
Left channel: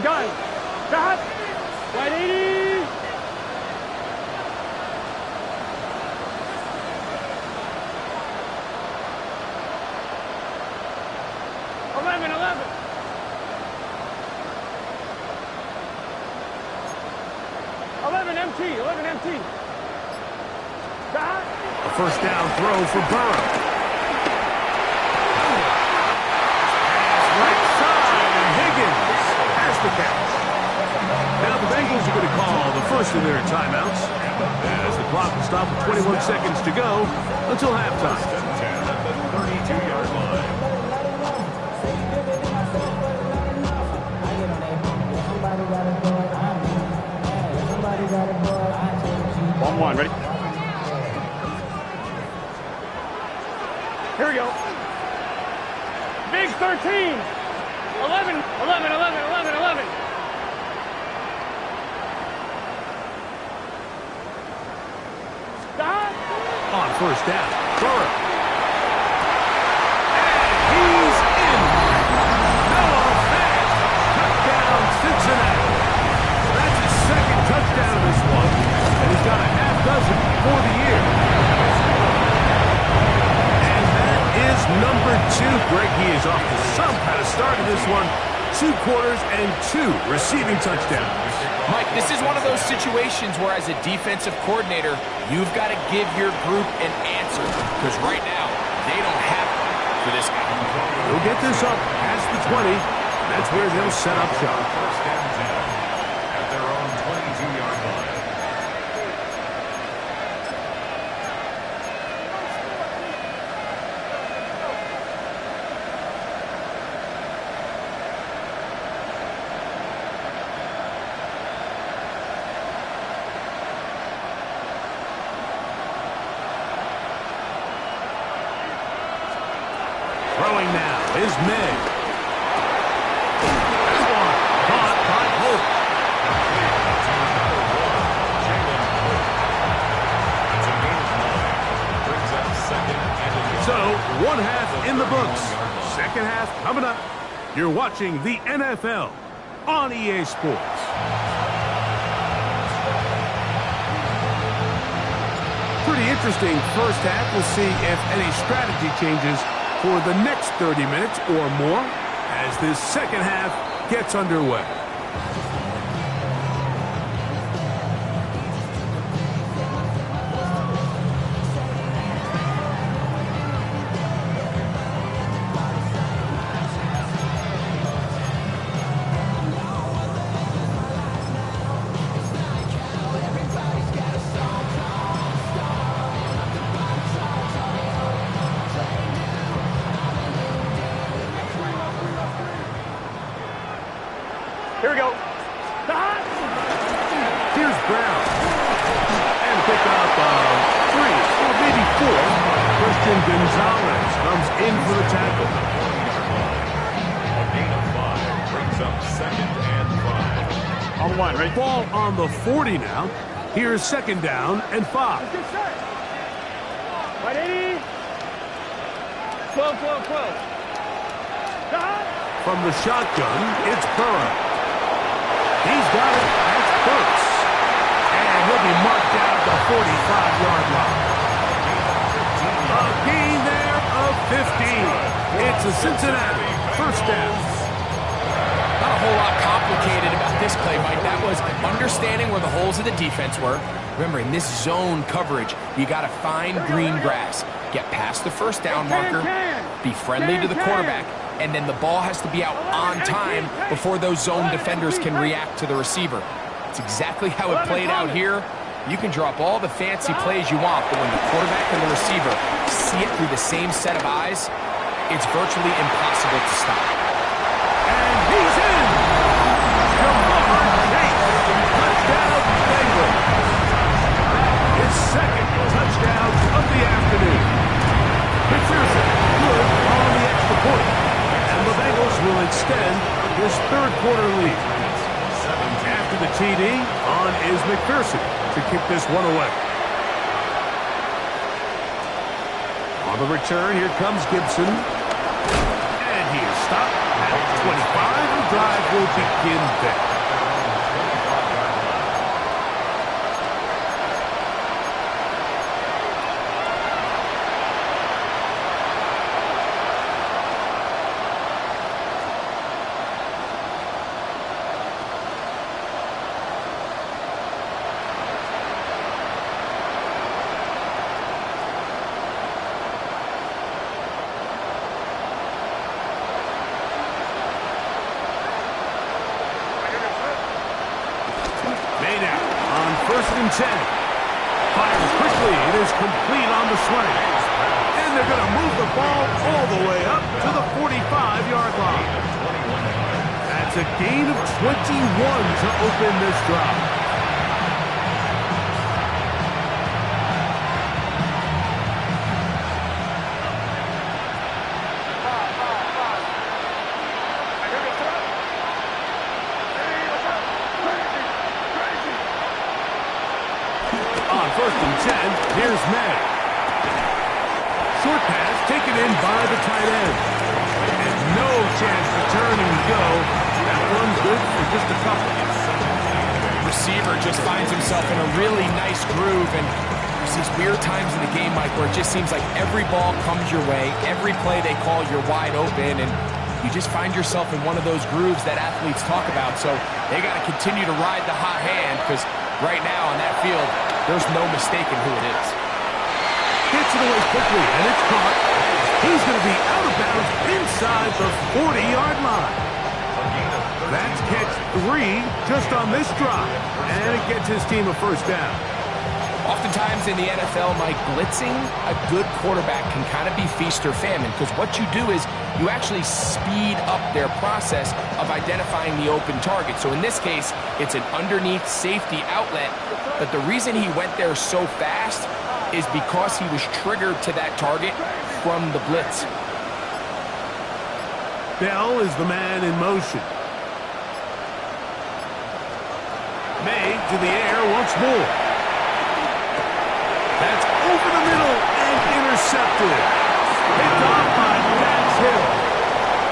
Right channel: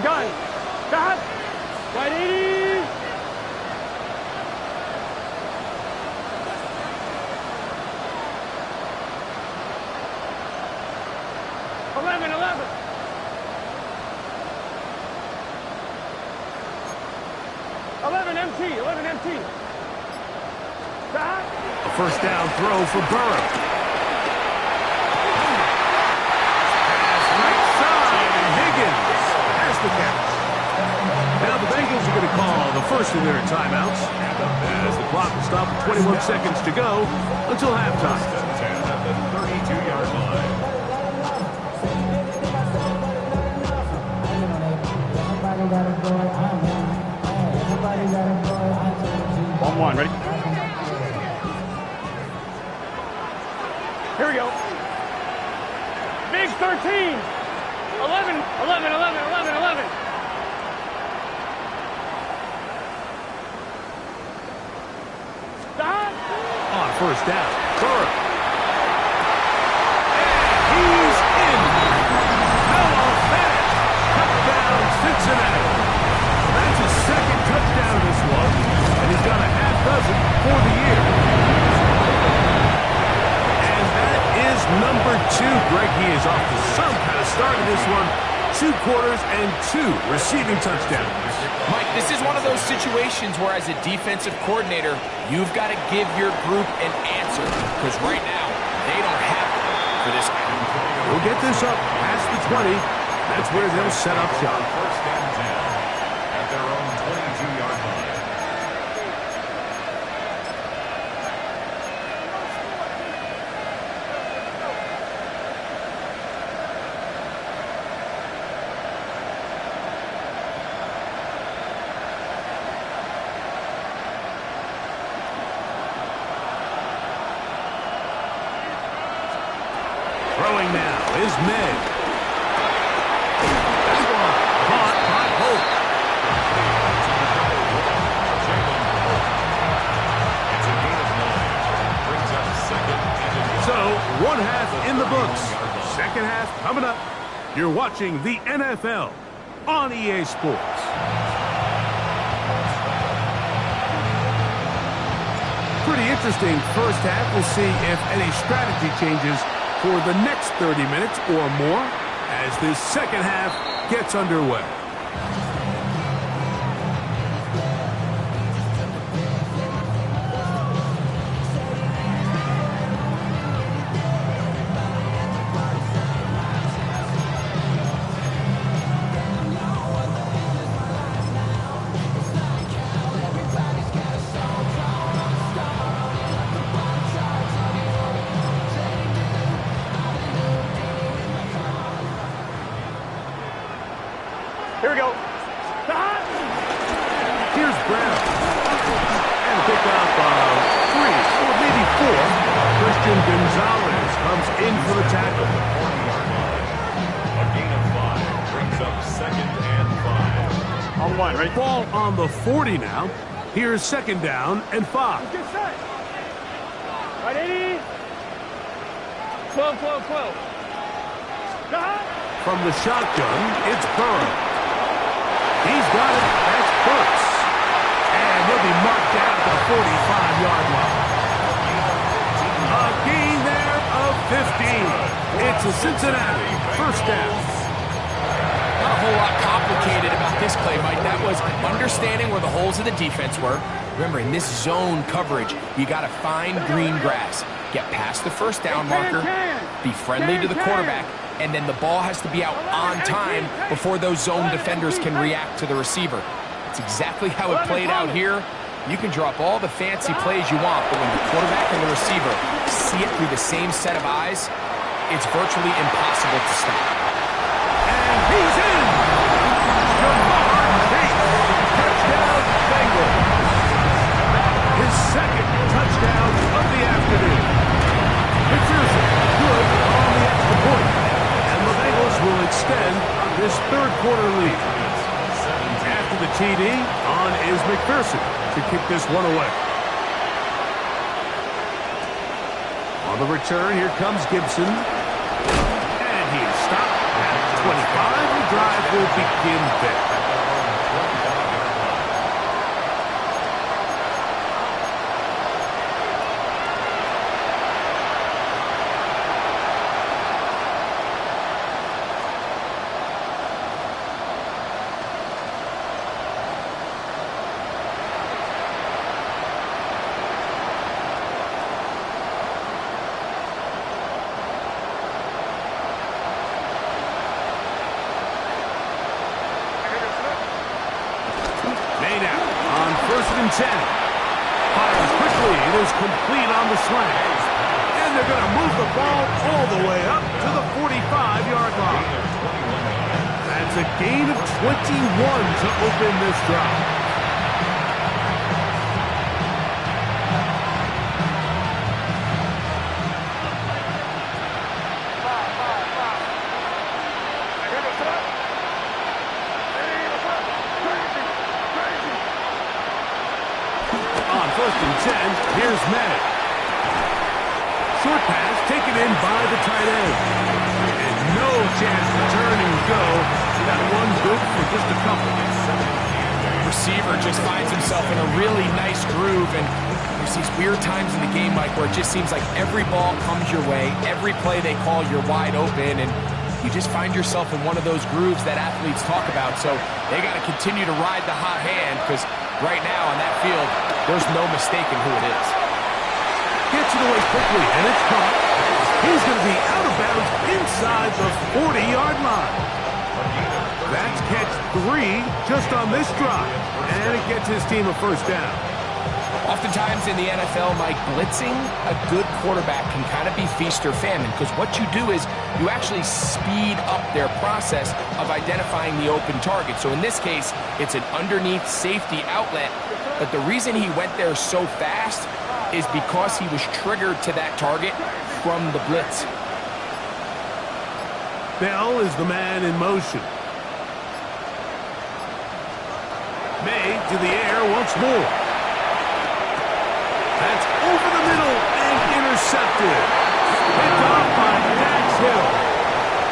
Gun. Stop. Wide 80. Eleven. 11 MT. Stop. A 1st down throw for Burrow. Pass right side, and Higgins has the catch. Now the Bengals are going to call the first of their timeouts as the clock will stop with 21 seconds to go until halftime. 10 at the 32-yard line. One, ready? Here we go. Big 13. 11. Stop. On 1st down, Burrow. And he's in. Noah Fant. Touchdown, Cincinnati. That's his 2nd touchdown of this one, and he's got a half dozen for the year. And that is number 2. Greg, he is off to some kind of start in this one. 2 quarters and 2 receiving touchdowns. Mike, this is one of those situations where as a defensive coordinator, you've got to give your group an answer, because right now, they don't have one for this guy. He'll get this up past the 20. That's where they'll set up shop. 1st and 10 at their own 22-yard line. Throwing now is Meg. That one caught by Holt. It's a gain of 9. Brings up second and a yard. So, one half in the books. Second half coming up. You're watching the NFL on EA Sports. Pretty interesting first half. We'll see if any strategy changes for the next 30 minutes or more as this second half gets underway. Here we go. Here's Brown. And pick up 3 or maybe 4. Christian Gonzalez comes in for the tackle. The 40-yard line. A gain of 5 brings up second and 5. On one, right? Ball on the 40 now. Here's second down and 5. Get set. Right, 80. 12, 12, 12. From the shotgun, it's Burrow. He's got it. That's Burks. And he'll be marked down at the 45-yard line. A gain there of 15. It's a Cincinnati first down. Not a whole lot complicated about this play, Mike. That was understanding where the holes of the defense were. Remember, in this zone coverage, you got to find green grass. Get past the first down marker, be friendly to the quarterback, and then the ball has to be out on time before those zone defenders can react to the receiver. It's exactly how it played out here. You can drop all the fancy plays you want, but when the quarterback and the receiver see it through the same set of eyes, it's virtually impossible to stop. And he's in! Jamar Chase! Touchdown, Bengals! His second touchdown of the afternoon. McPherson, good on the extra point. And the Bengals will extend this third quarter lead. After the TD, on is McPherson to kick this one away. On the return, here comes Gibson. And he is stopped at 25. The drive will begin there. On 1st and 10. Fires quickly. It is complete on the slant. And they're going to move the ball all the way up to the 45-yard line. That's a gain of 21 to open this drive. On 1st and 10, here's May. Short pass taken in by the tight end. And no chance to turn and go. That one good for just a couple. Receiver just finds himself in a really nice groove, and there's these weird times in the game, Mike, where it just seems like every ball comes your way. Every play they call, you're wide open, and you just find yourself in one of those grooves that athletes talk about. So they got to continue to ride the hot hand, because right now on that field, there's no mistaking who it is. Gets it away quickly, and it's caught. He's going to be out of bounds inside the 40-yard line. That's catch 3 just on this drive, and it gets his team a first down. Oftentimes in the NFL, Mike, blitzing a good quarterback can kind of be feast or famine, because what you do is you actually speed up their process of identifying the open target. So in this case, it's an underneath safety outlet, but the reason he went there so fast is because he was triggered to that target from the blitz. Bell is the man in motion. May to the air once more. That's over the middle and intercepted. Picked off by Dax Hill.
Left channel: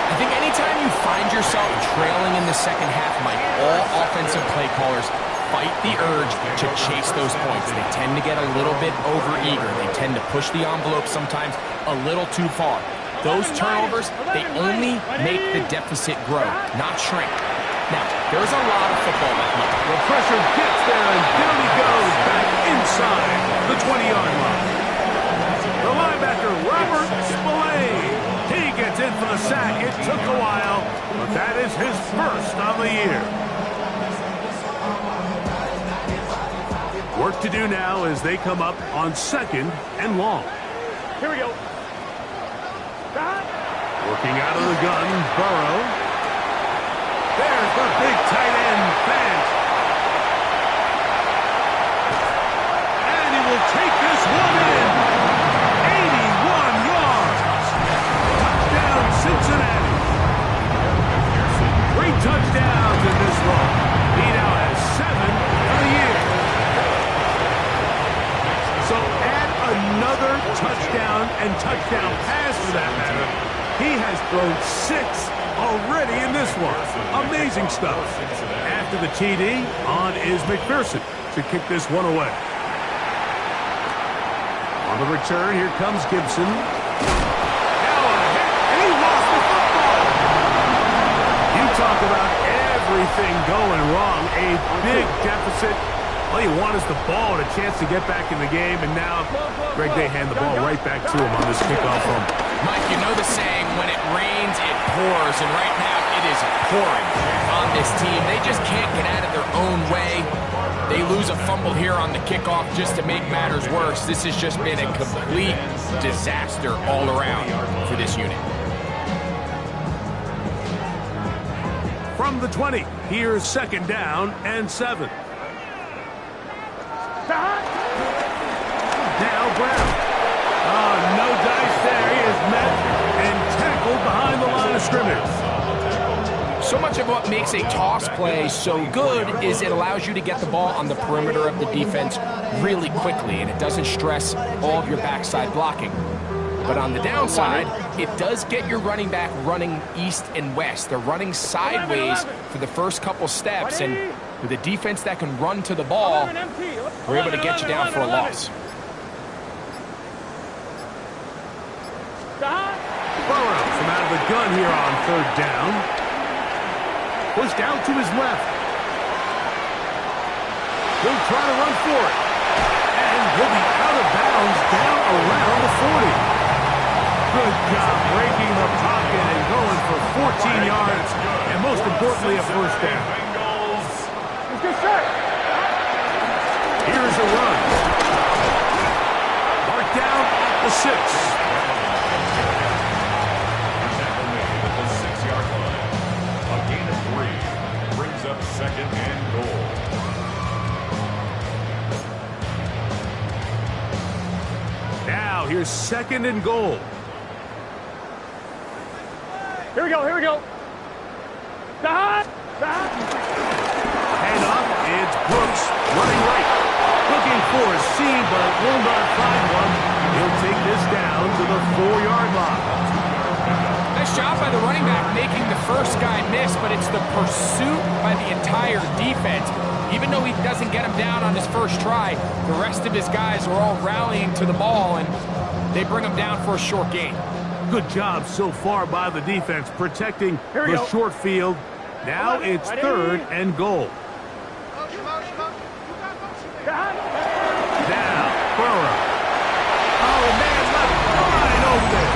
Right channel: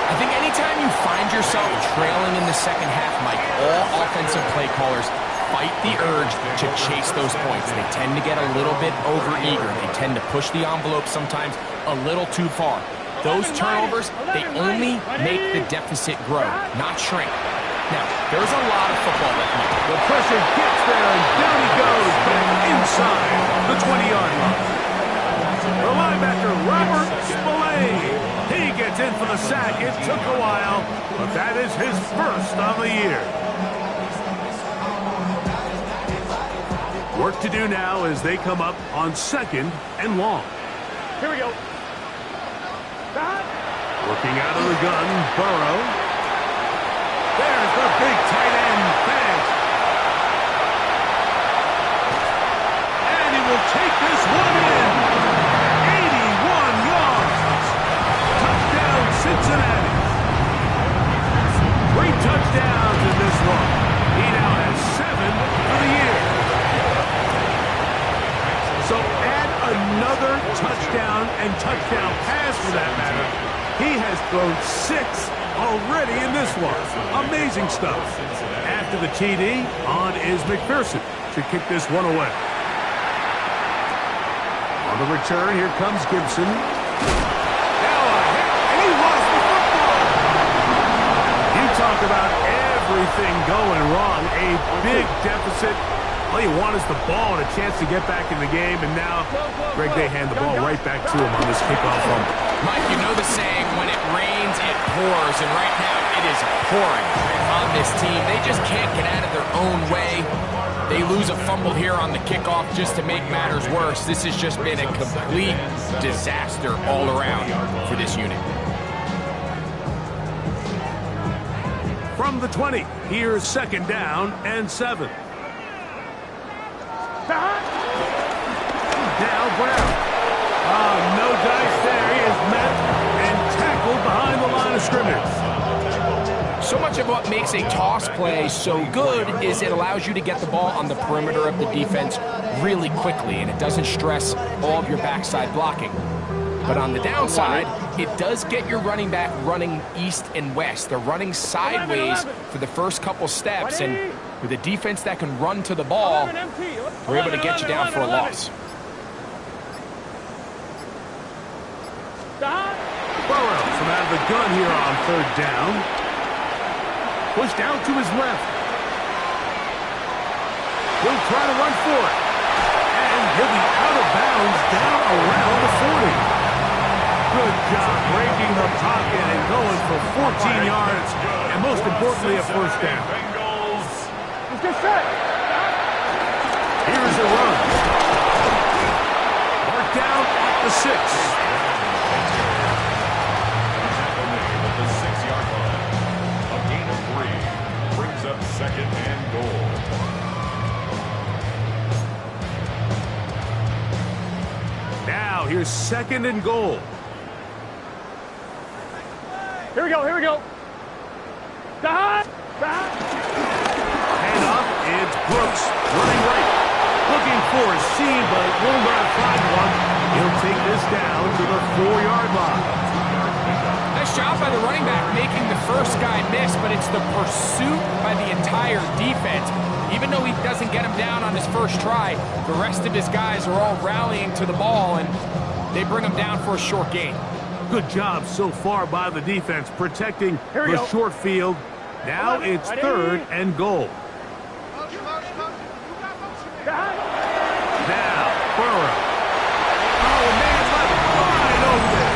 I think anytime you find yourself trailing in the second half, Mike, all offensive play callers fight the urge to chase those points. They tend to get a little bit overeager. They tend to push the envelope sometimes a little too far. Those turnovers, they only make the deficit grow, not shrink. Now, there's a lot of football left, Mike. The pressure gets there, and down he goes back inside the 20-yard line. The linebacker, Robert Spillane. He gets in for the sack. It took a while, but that is his first on the year. Work to do now as they come up on 2nd and long. Here we go. Working out of the gun, Burrow. There's the big tight end, Fant. And he will take this one in. 81 yards. Touchdown, Cincinnati. 3 touchdowns in this one. He now has 7 for the year. So add another touchdown and touchdown pass for that matter. He has thrown 6 already in this one. Amazing stuff. After the TD, on is McPherson to kick this one away. On the return, here comes Gibson. Now a hit, and he lost the football. You talk about everything going wrong. A big deficit. All you want is the ball and a chance to get back in the game, and now, Greg, they hand the ball right back to him on this kickoff fumble. Mike, you know the saying, when it rains, it pours, and right now it is pouring on this team. They just can't get out of their own way. They lose a fumble here on the kickoff just to make matters worse. This has just been a complete disaster all around for this unit. From the 20, here's 2nd down and 7. Now Brown. No dice there. He is met and tackled behind the line of scrimmage. So much of what makes a toss play so good is it allows you to get the ball on the perimeter of the defense really quickly, and it doesn't stress all of your backside blocking. But on the downside, it does get your running back running east and west. They're running sideways for the first couple steps, and with a defense that can run to the ball, we're able to get you down for a loss. Burrow from out of the gun here on 3rd down. Pushed out to his left. He'll try to run for it. And he'll be out of bounds down around the 40. Good job breaking the pocket and going for 14 yards. And most importantly, a first down. Let's get set. Here's a run. Marked down at the 6. Tackle made at the 6-yard line. A gain of 3 brings up 2nd and goal. Now here's 2nd and goal. Here we go, here we go. Handoff, it's Brooks running right. Looking for a seam, but will not find one. He'll take this down to the 4-yard line. Nice job by the running back making the first guy miss, but it's the pursuit by the entire defense. Even though he doesn't get him down on his first try, the rest of his guys are all rallying to the ball, and they bring him down for a short gain. Good job so far by the defense protecting the short field. Now it's 3rd and goal. Now, Burrow. Oh, man, left wide open.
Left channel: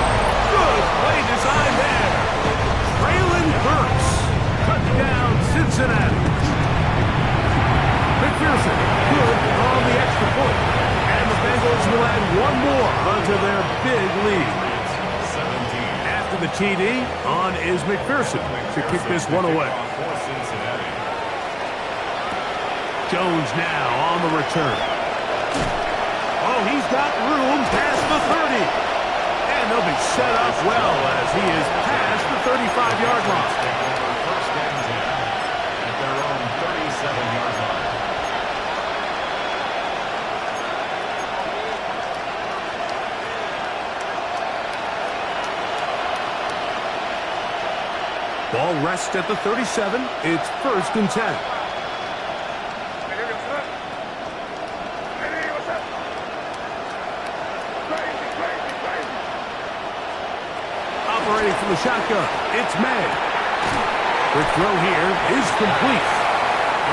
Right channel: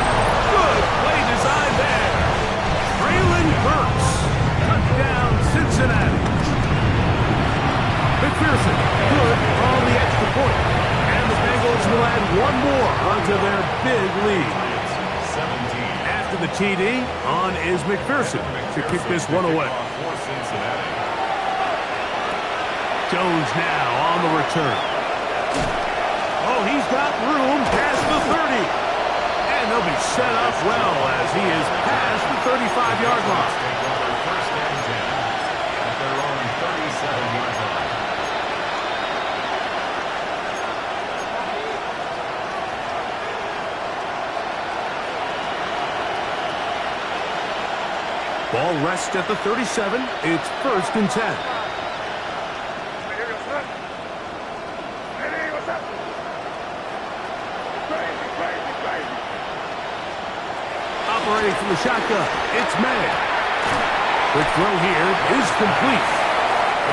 Good play design there. Traylon Burks. Touchdown, Cincinnati. McPherson, good on the extra point. And the Bengals will add one more onto their big lead. After the TD, on is McPherson to kick this one away. Jones now on the return. Oh, he's got room past the 30. And they'll be set up well as he is past the 35-yard line. Take over first and 10 at their own 37-yard line. Ball rests at the 37. It's first and 10. Operating from the shotgun, it's May. Quick throw here is complete.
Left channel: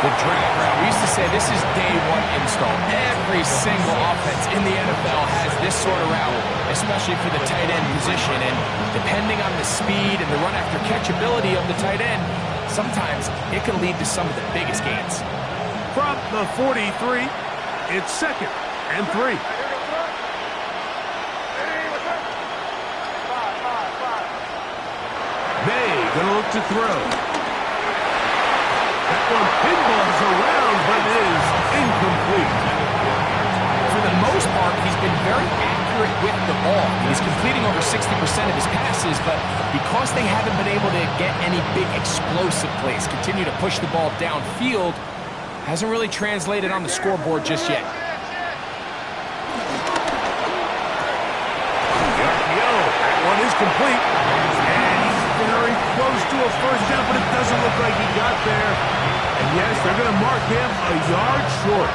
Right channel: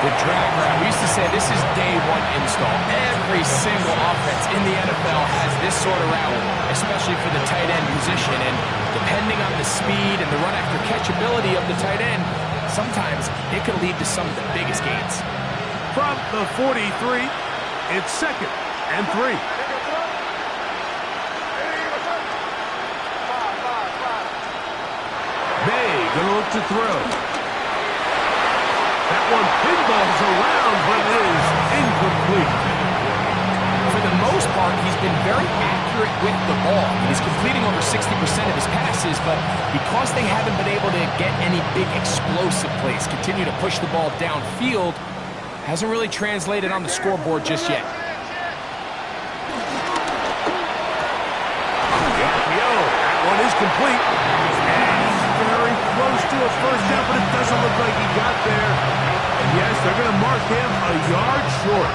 The drag route, we used to say this is day one install. Every single offense in the NFL has this sort of route, especially for the tight end position. And depending on the speed and the run after catch ability of the tight end, sometimes it can lead to some of the biggest gains. From the 43, it's second and 3. May gonna look to throw. That one pinballs around, but it is incomplete. For the most part, he's been very accurate with the ball. He's completing over 60% of his passes, but because they haven't been able to get any big explosive plays, continue to push the ball downfield, hasn't really translated on the scoreboard just yet. The RPO, that one is complete. And he's very close to a first down, but it doesn't look like he got there. And yes, they're going to mark him a yard short.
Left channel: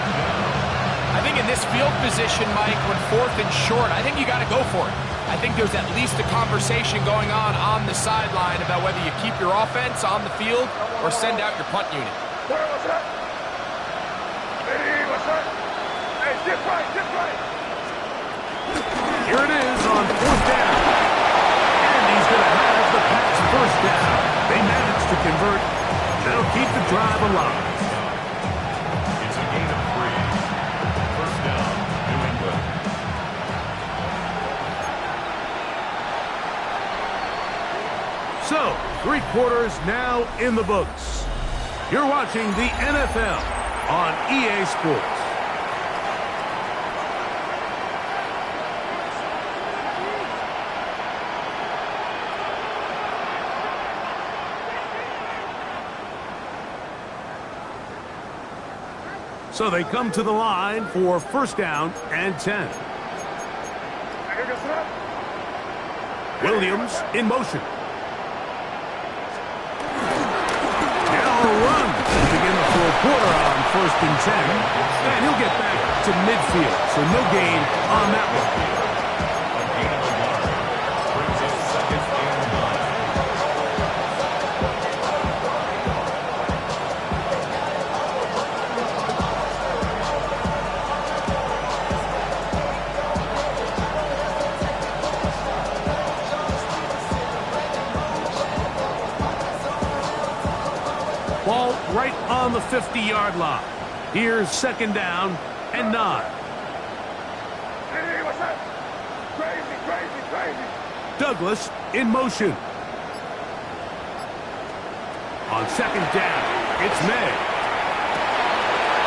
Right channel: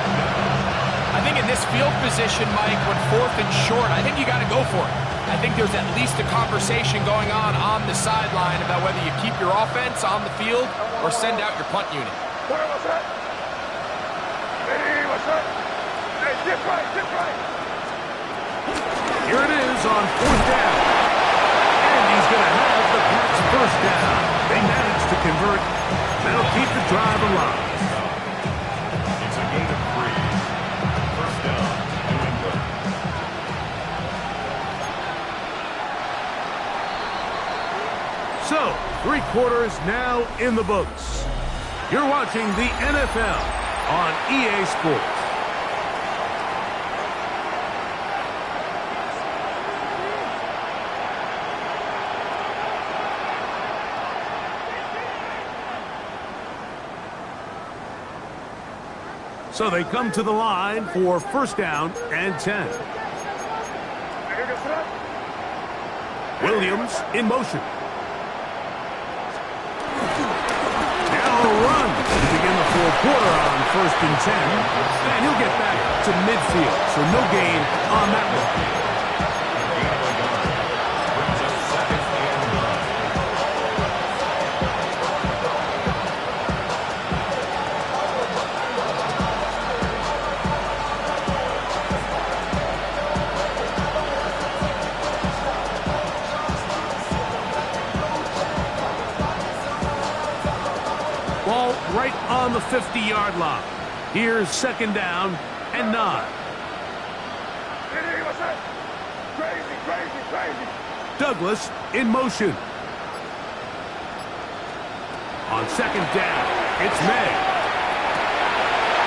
I think in this field position, Mike, when fourth and short, I think you got to go for it. I think there's at least a conversation going on the sideline about whether you keep your offense on the field or send out your punt unit. Where was that? Hey, what's that? Hey, dip right, dip right. Here it is on fourth down. And he's going to have the Pats first down. They managed to convert. That'll keep the drive alive. It's a gain of 3. First down, New England. So, 3 quarters now in the books. You're watching the NFL on EA Sports. So they come to the line for first down and 10. Williams in motion. Now a run to begin the fourth quarter on first and 10. And he'll get back to midfield, so no gain on that one. A gain of a yard. Brings up second and 9. Ball right on the 50-yard line. Here's second down and 9. Hey, what's that? Crazy, crazy, crazy. Douglas in motion. On second down, it's May.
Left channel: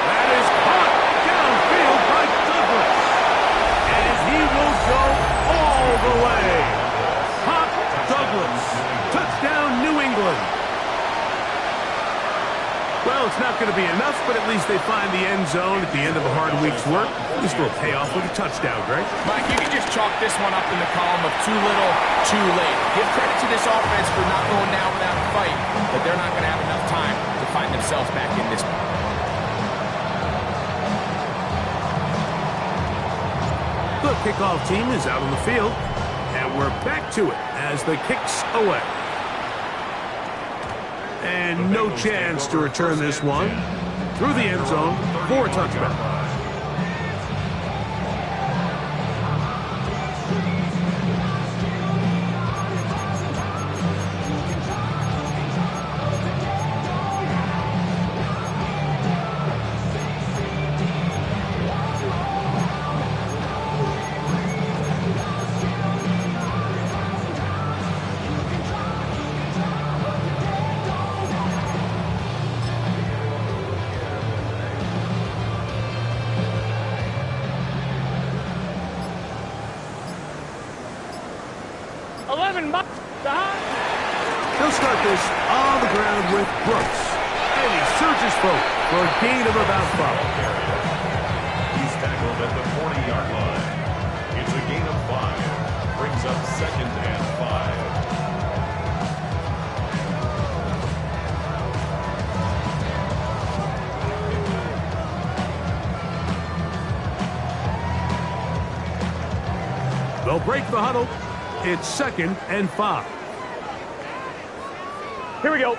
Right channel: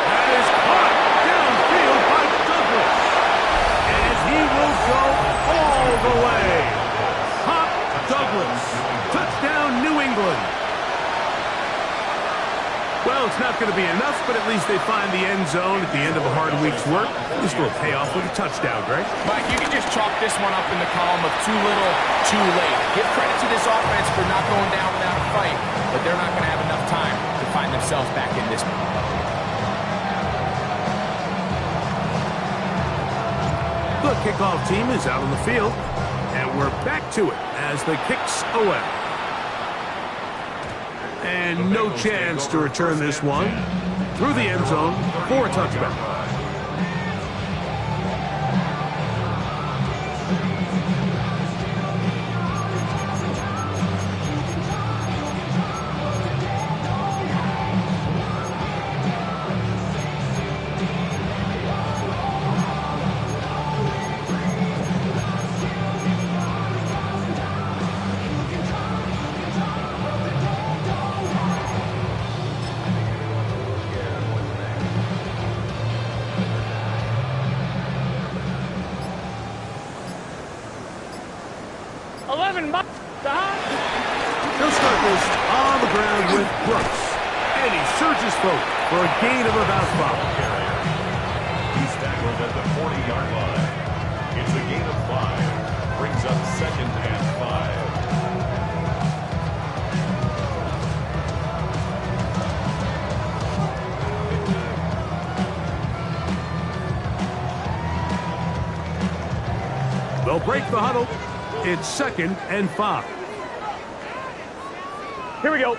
That is caught downfield by Douglas. And he will go all the way. Pop Douglas. Touchdown, New England. Well, it's not going to be enough, but at least they find the end zone at the end of a hard week's work. This will pay off with a touchdown, Greg. Mike, you can just chalk this one up in the column of too little, too late. Give credit to this offense for not going down without a fight, but they're not going to have enough time to find themselves back in this one. The kickoff team is out on the field, and we're back to it as the kick's away. And no chance to return this one through the end zone for a touchback. 11, He'll start this on the ground with Brooks. And he surges forward for a gain of about 5. Carrier. He's tackled at the 40-yard line. It's a gain of 5. Brings up 2nd and 5. They'll break the huddle. It's 2nd and 5. Here we go.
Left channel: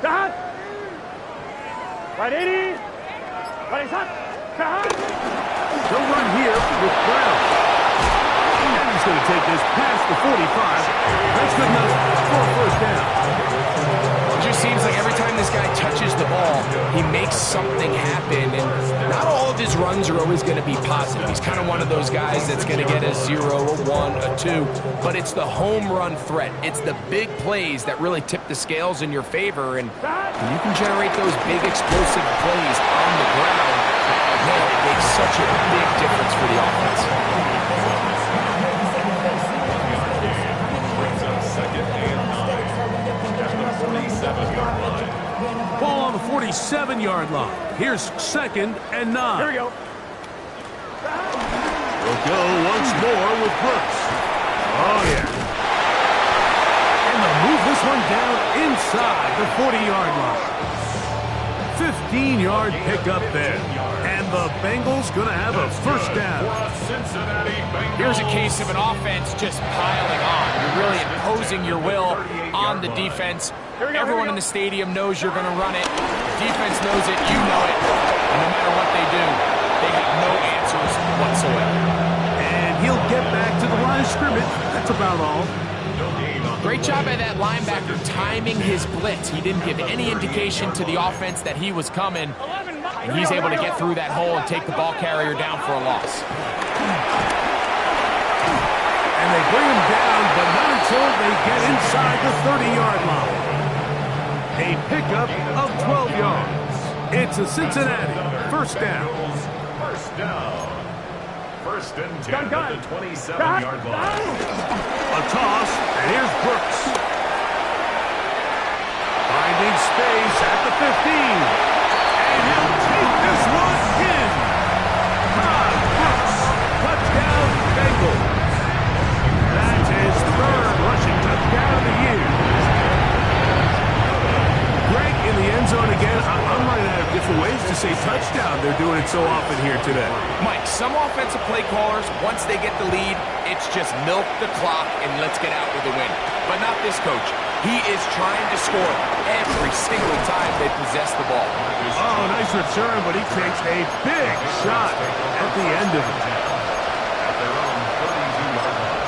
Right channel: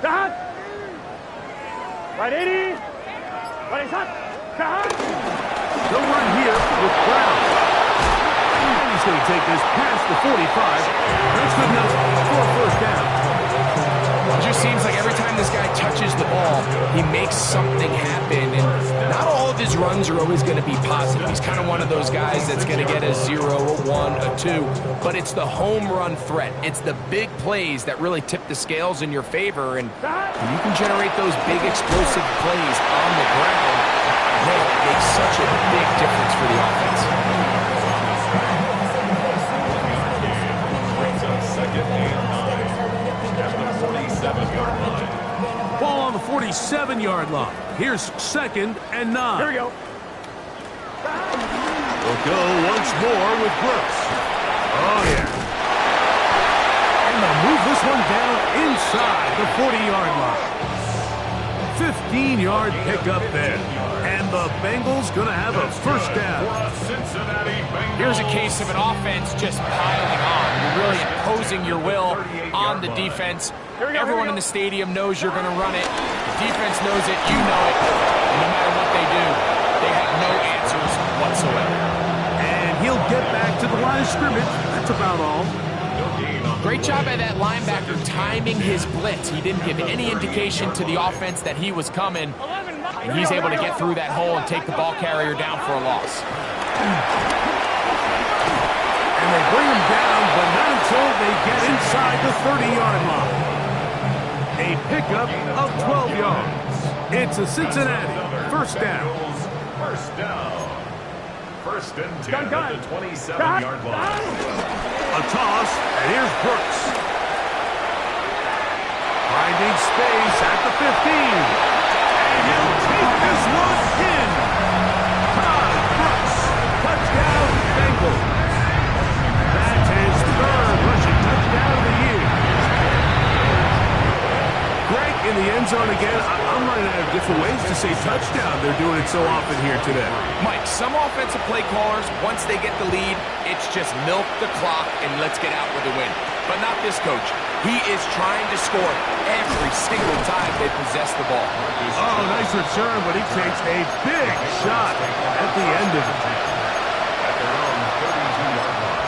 Kahan. Right 80. Right hot. Kahan. They'll run here with Brown. And he's going to take this past the 45. That's good enough for a 1st down. It just seems like every time this guy touches the ball, he makes something happen. And not all of his runs are always going to be positive. He's kind of one of those guys that's going to get a 0, a 1, a 2. But it's the home run threat. It's the big plays that really tip the scales in your favor. And when you can generate those big explosive plays on the ground, man, it makes such a big difference for the offense. Brings up 2nd and 9. At the 47-yard line. Ball on the 47-yard line. Here's 2nd and 9. Here we go. We'll go once more with Brooks. Oh, yeah. And they'll move this one down inside the 40-yard line. 15-yard pickup there. And the Bengals going to have a 1st down. For a Cincinnati Bengals. Here's a case of an offense just piling on. You're really imposing your will on the defense. Everyone in the stadium knows you're going to run it. The defense knows it. You know it. And no matter what they do, they have no answers whatsoever. And he'll get back to the line of scrimmage. That's about all. Great job by that linebacker timing his blitz. He didn't give any indication to the offense that he was coming. And he's able to get through that hole and take the ball carrier down for a loss. And they bring him down, but not until they get inside the 30-yard line. A pickup of 12 yards. It's a Cincinnati 1st down. 1st down. 1st and 10 at the 27-yard line. A toss, and here's Brooks. Finding space at the 15. And he'll take this one in. Todd Brooks, touchdown Bengals. That's his 3rd rushing touchdown of the year. Greg in the end zone again. I'm running out of different ways to say touchdown. They're doing it so often here today. Mike, some offensive play callers, once they get the lead, it's just milk the clock and let's get out with a win. But not this coach. He is trying to score every single time they possess the ball. Oh, nice return, but he takes a big shot at the end of it. At their own 32-yard line.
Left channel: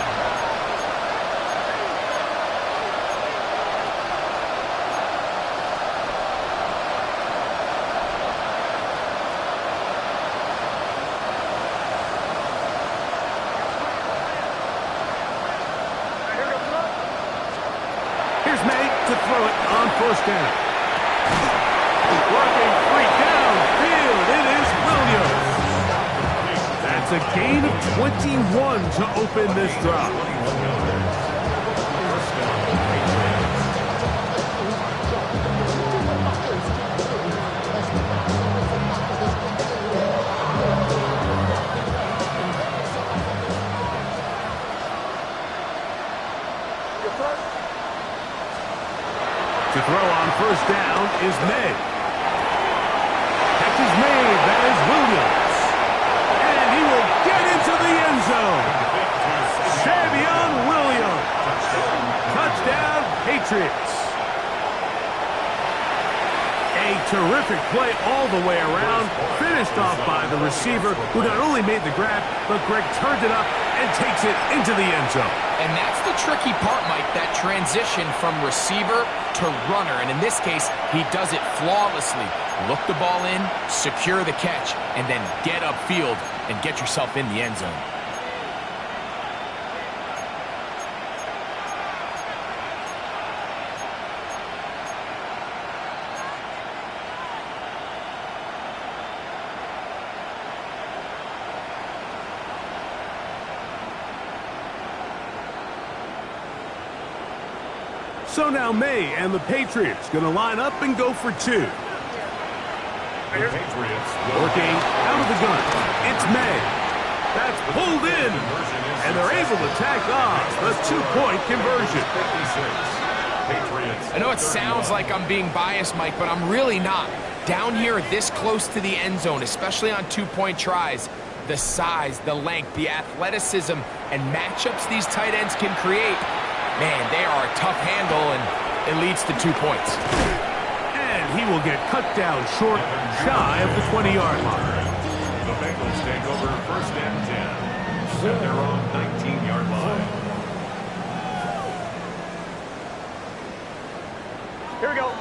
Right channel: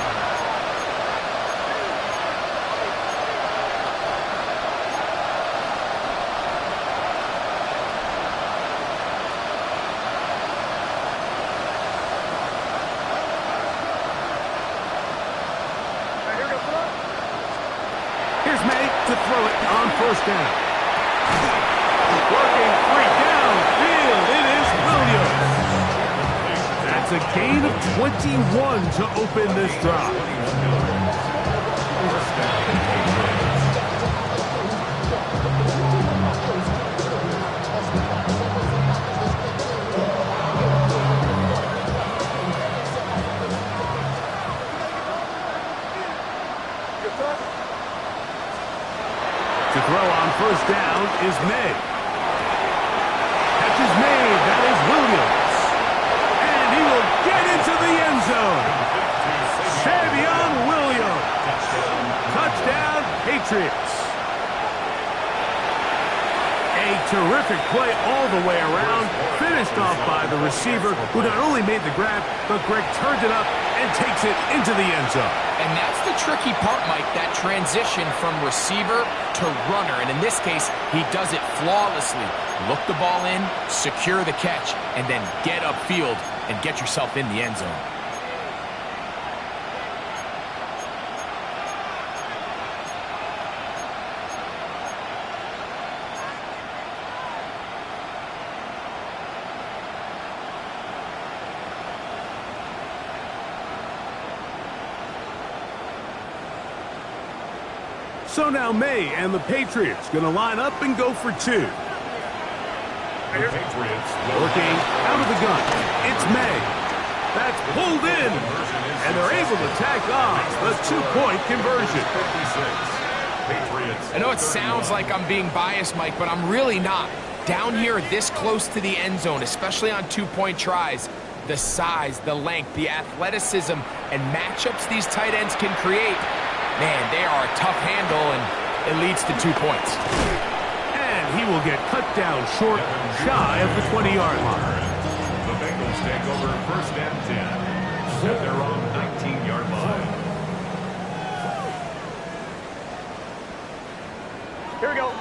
Here's May to throw it on 1st down. Working 3 downfield. It is Williams. That's a gain of 21 to open this drive. 21 yards. 1st down, Patriots. To throw on 1st down is May. Catch is made. That is Williams. And he will get into the end zone. Savion Williams. Touchdown, Patriots. A terrific play all the way around. Finished off by the receiver, who not only made the grab, but Greg turned it up and takes it into the end zone. And that's the tricky part, Mike, that transition from receiver to runner. And in this case, he does it flawlessly. Look the ball in, secure the catch, and then get upfield and get yourself in the end zone. So now May and the Patriots going to line up and go for two. The Patriots Working out of the gun. It's May. That's pulled in. And they're able to tack on the two-point conversion. 56. Patriots. I know it sounds like I'm being biased, Mike, but I'm really not. Down here this close to the end zone, especially on two-point tries, the size, the length, the athleticism, and matchups these tight ends can create, man, they are a tough handle, and it leads to 2 points. And he will get cut down short, shy of the 20-yard line. The Bengals take over 1st and 10 at their own 19-yard line. Here we go.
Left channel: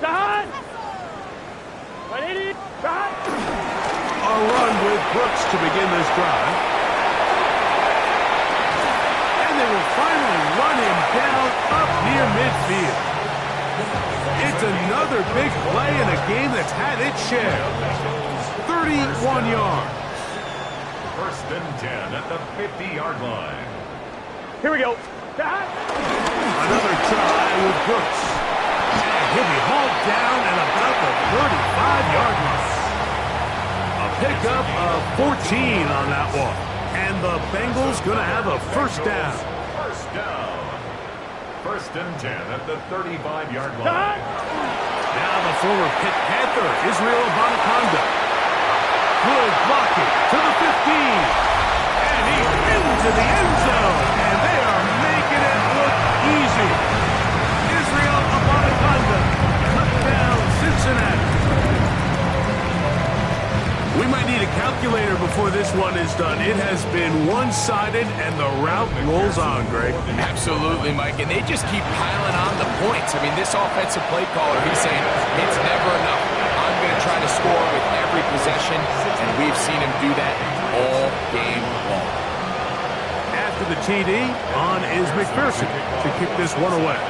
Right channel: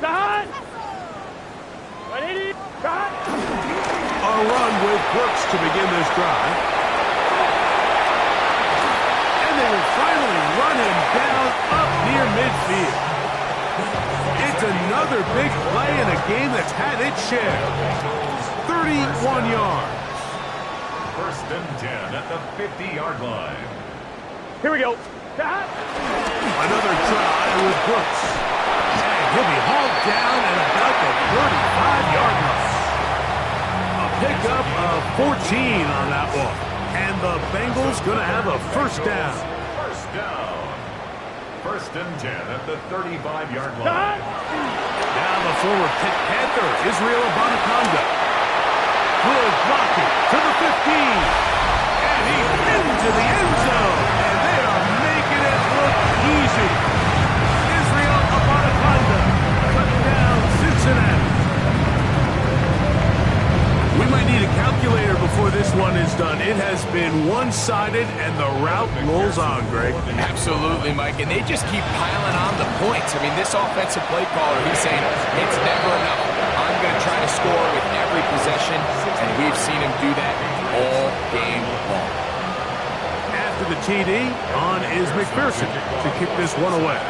Done. 180. Done. A run with Brooks to begin this drive. And they will finally run him down up near midfield. It's another big play in a game that's had its share. 31 yards. 1st and 10 at the 50-yard line. Here we go. Done. Another try with Brooks. And he'll be hauled down at about the 35-yard line. A pickup of 14 on that one. And the Bengals going to have a first down. First down. 1st and 10 at the 35-yard line. Done. Now the former Pitt Panther, Israel Abanikanda. Good blocking to the 15. And he's into the end zone. And they are making it look easy. Israel Abanikanda cut down Cincinnati. We might need a calculator before this one is done. It has been one-sided, and the route rolls on, Greg. Absolutely, Mike, and they just keep piling on the points. I mean, this offensive play caller, he's saying, it's never enough. I'm going to try to score with every possession, and we've seen him do that all game long. After the TD, on is McPherson to kick this one away.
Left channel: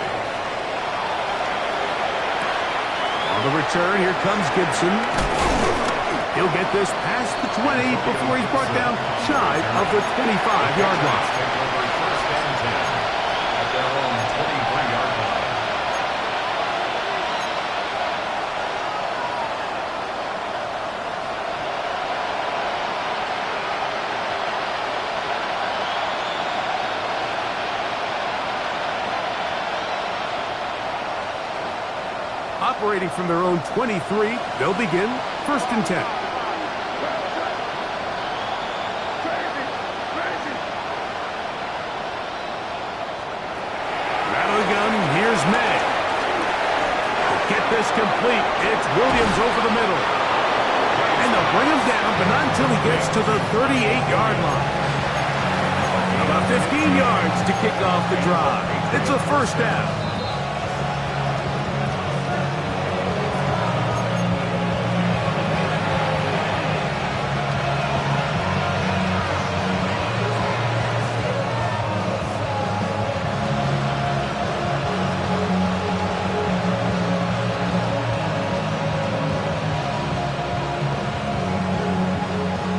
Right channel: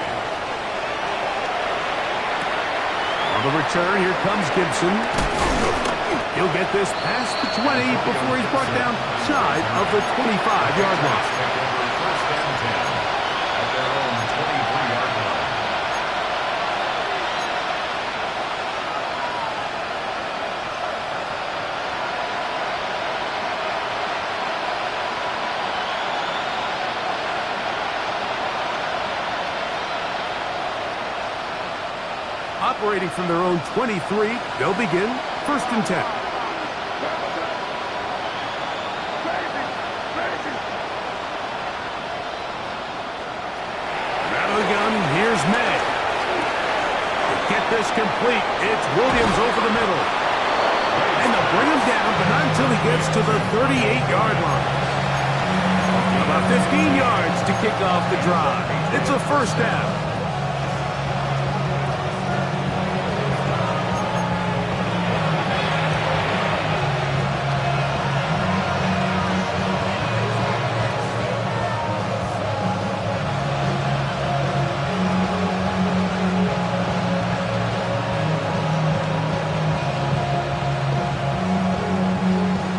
On the return, here comes Gibson. He'll get this past the 20 before he's brought down shy of the 25-yard line. Take over 1st and 10 at their own 23-yard line. Operating from their own 23, they'll begin 1st and 10. Out of the gun, here's May. To get this complete, it's Williams over the middle. And they'll bring him down, but not until he gets to the 38-yard line. About 15 yards to kick off the drive. It's a first down.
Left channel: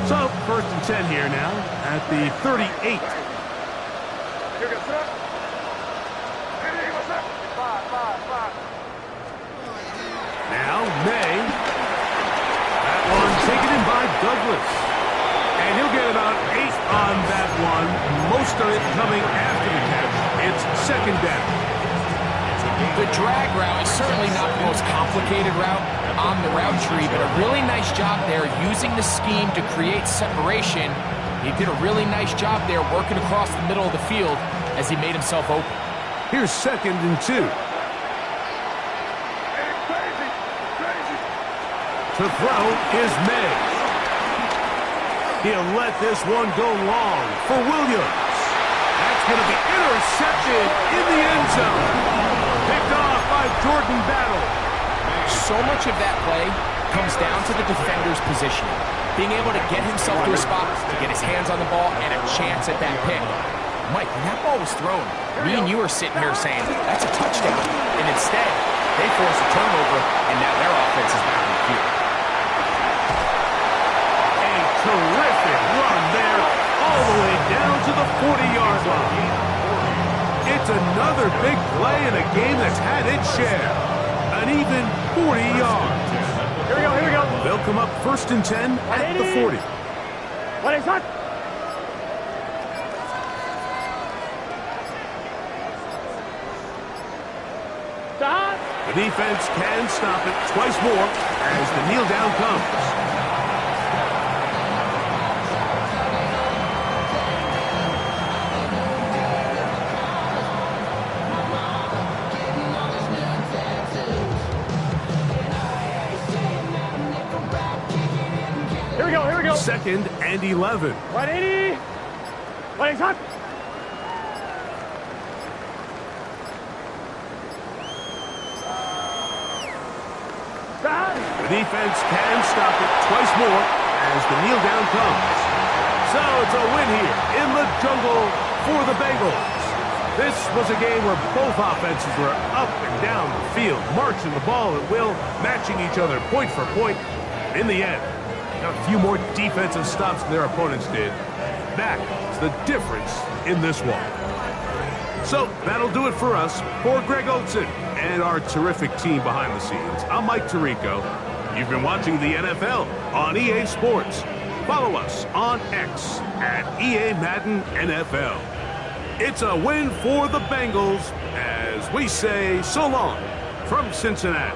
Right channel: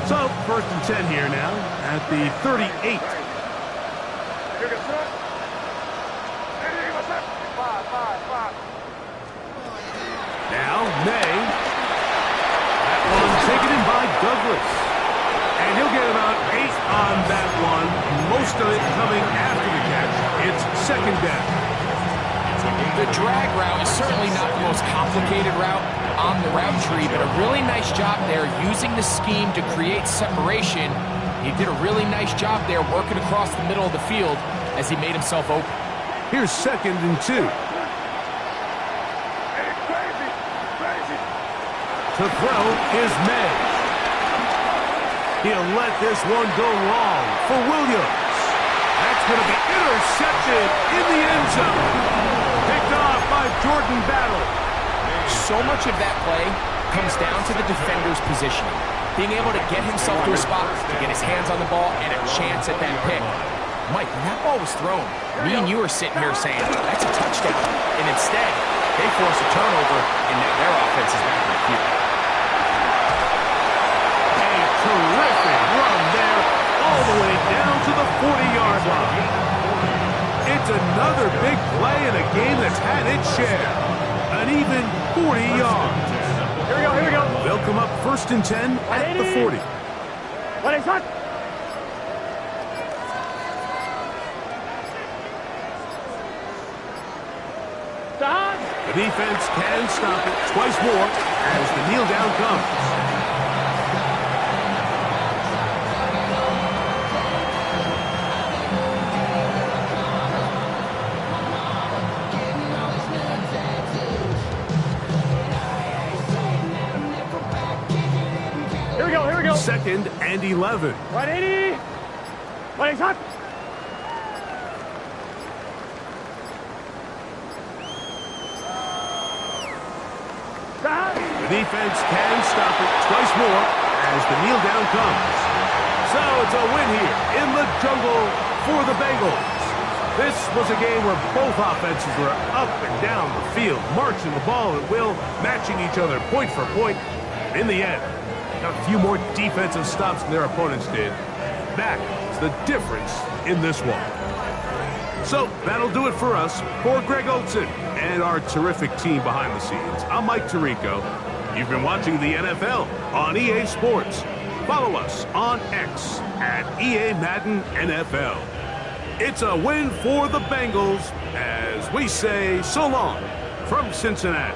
So, 1st and 10 here now at the 38. Now, May. That one taken in by Douglas. And he'll get about 8 on that one. Most of it coming after the catch. It's 2nd down. The drag route is certainly not the most complicated route on the route tree, but a really nice job there using the scheme to create separation. He did a really nice job there working across the middle of the field as he made himself open. Here's 2nd and 2. To throw is May. He'll let this one go long for Williams. That's going to be intercepted in the end zone. Picked off by Jordan Battle. So much of that play comes down to the defender's positioning. Being able to get himself to a spot, to get his hands on the ball, and a chance at that pick. Mike, when that ball was thrown, me and you were sitting here saying, that's a touchdown. And instead, they force a turnover, and now their offense is back in the field. A terrific run there, all the way down to the 40-yard line. It's another big play in a game that's had its share. An even 40 yards. Here we go, here we go. They'll come up 1st and 10 at the 40. What is that? Stop. The defense can stop it twice more as the kneel down comes. Here we go, here we go. 2nd and 11. 180. What is that? Stop. The defense can stop it twice more as the kneel down comes. So it's a win here in the jungle for the Bengals. This was a game where both offenses were up and down the field, marching the ball at will, matching each other point for point. In the end, got a few more defensive stops than their opponents did. That is the difference in this one. So that'll do it for us. For Greg Olson and our terrific team behind the scenes, I'm Mike Tirico. You've been watching the NFL on EA Sports. Follow us on X at EA Madden NFL. It's a win for the Bengals as we say so long from Cincinnati.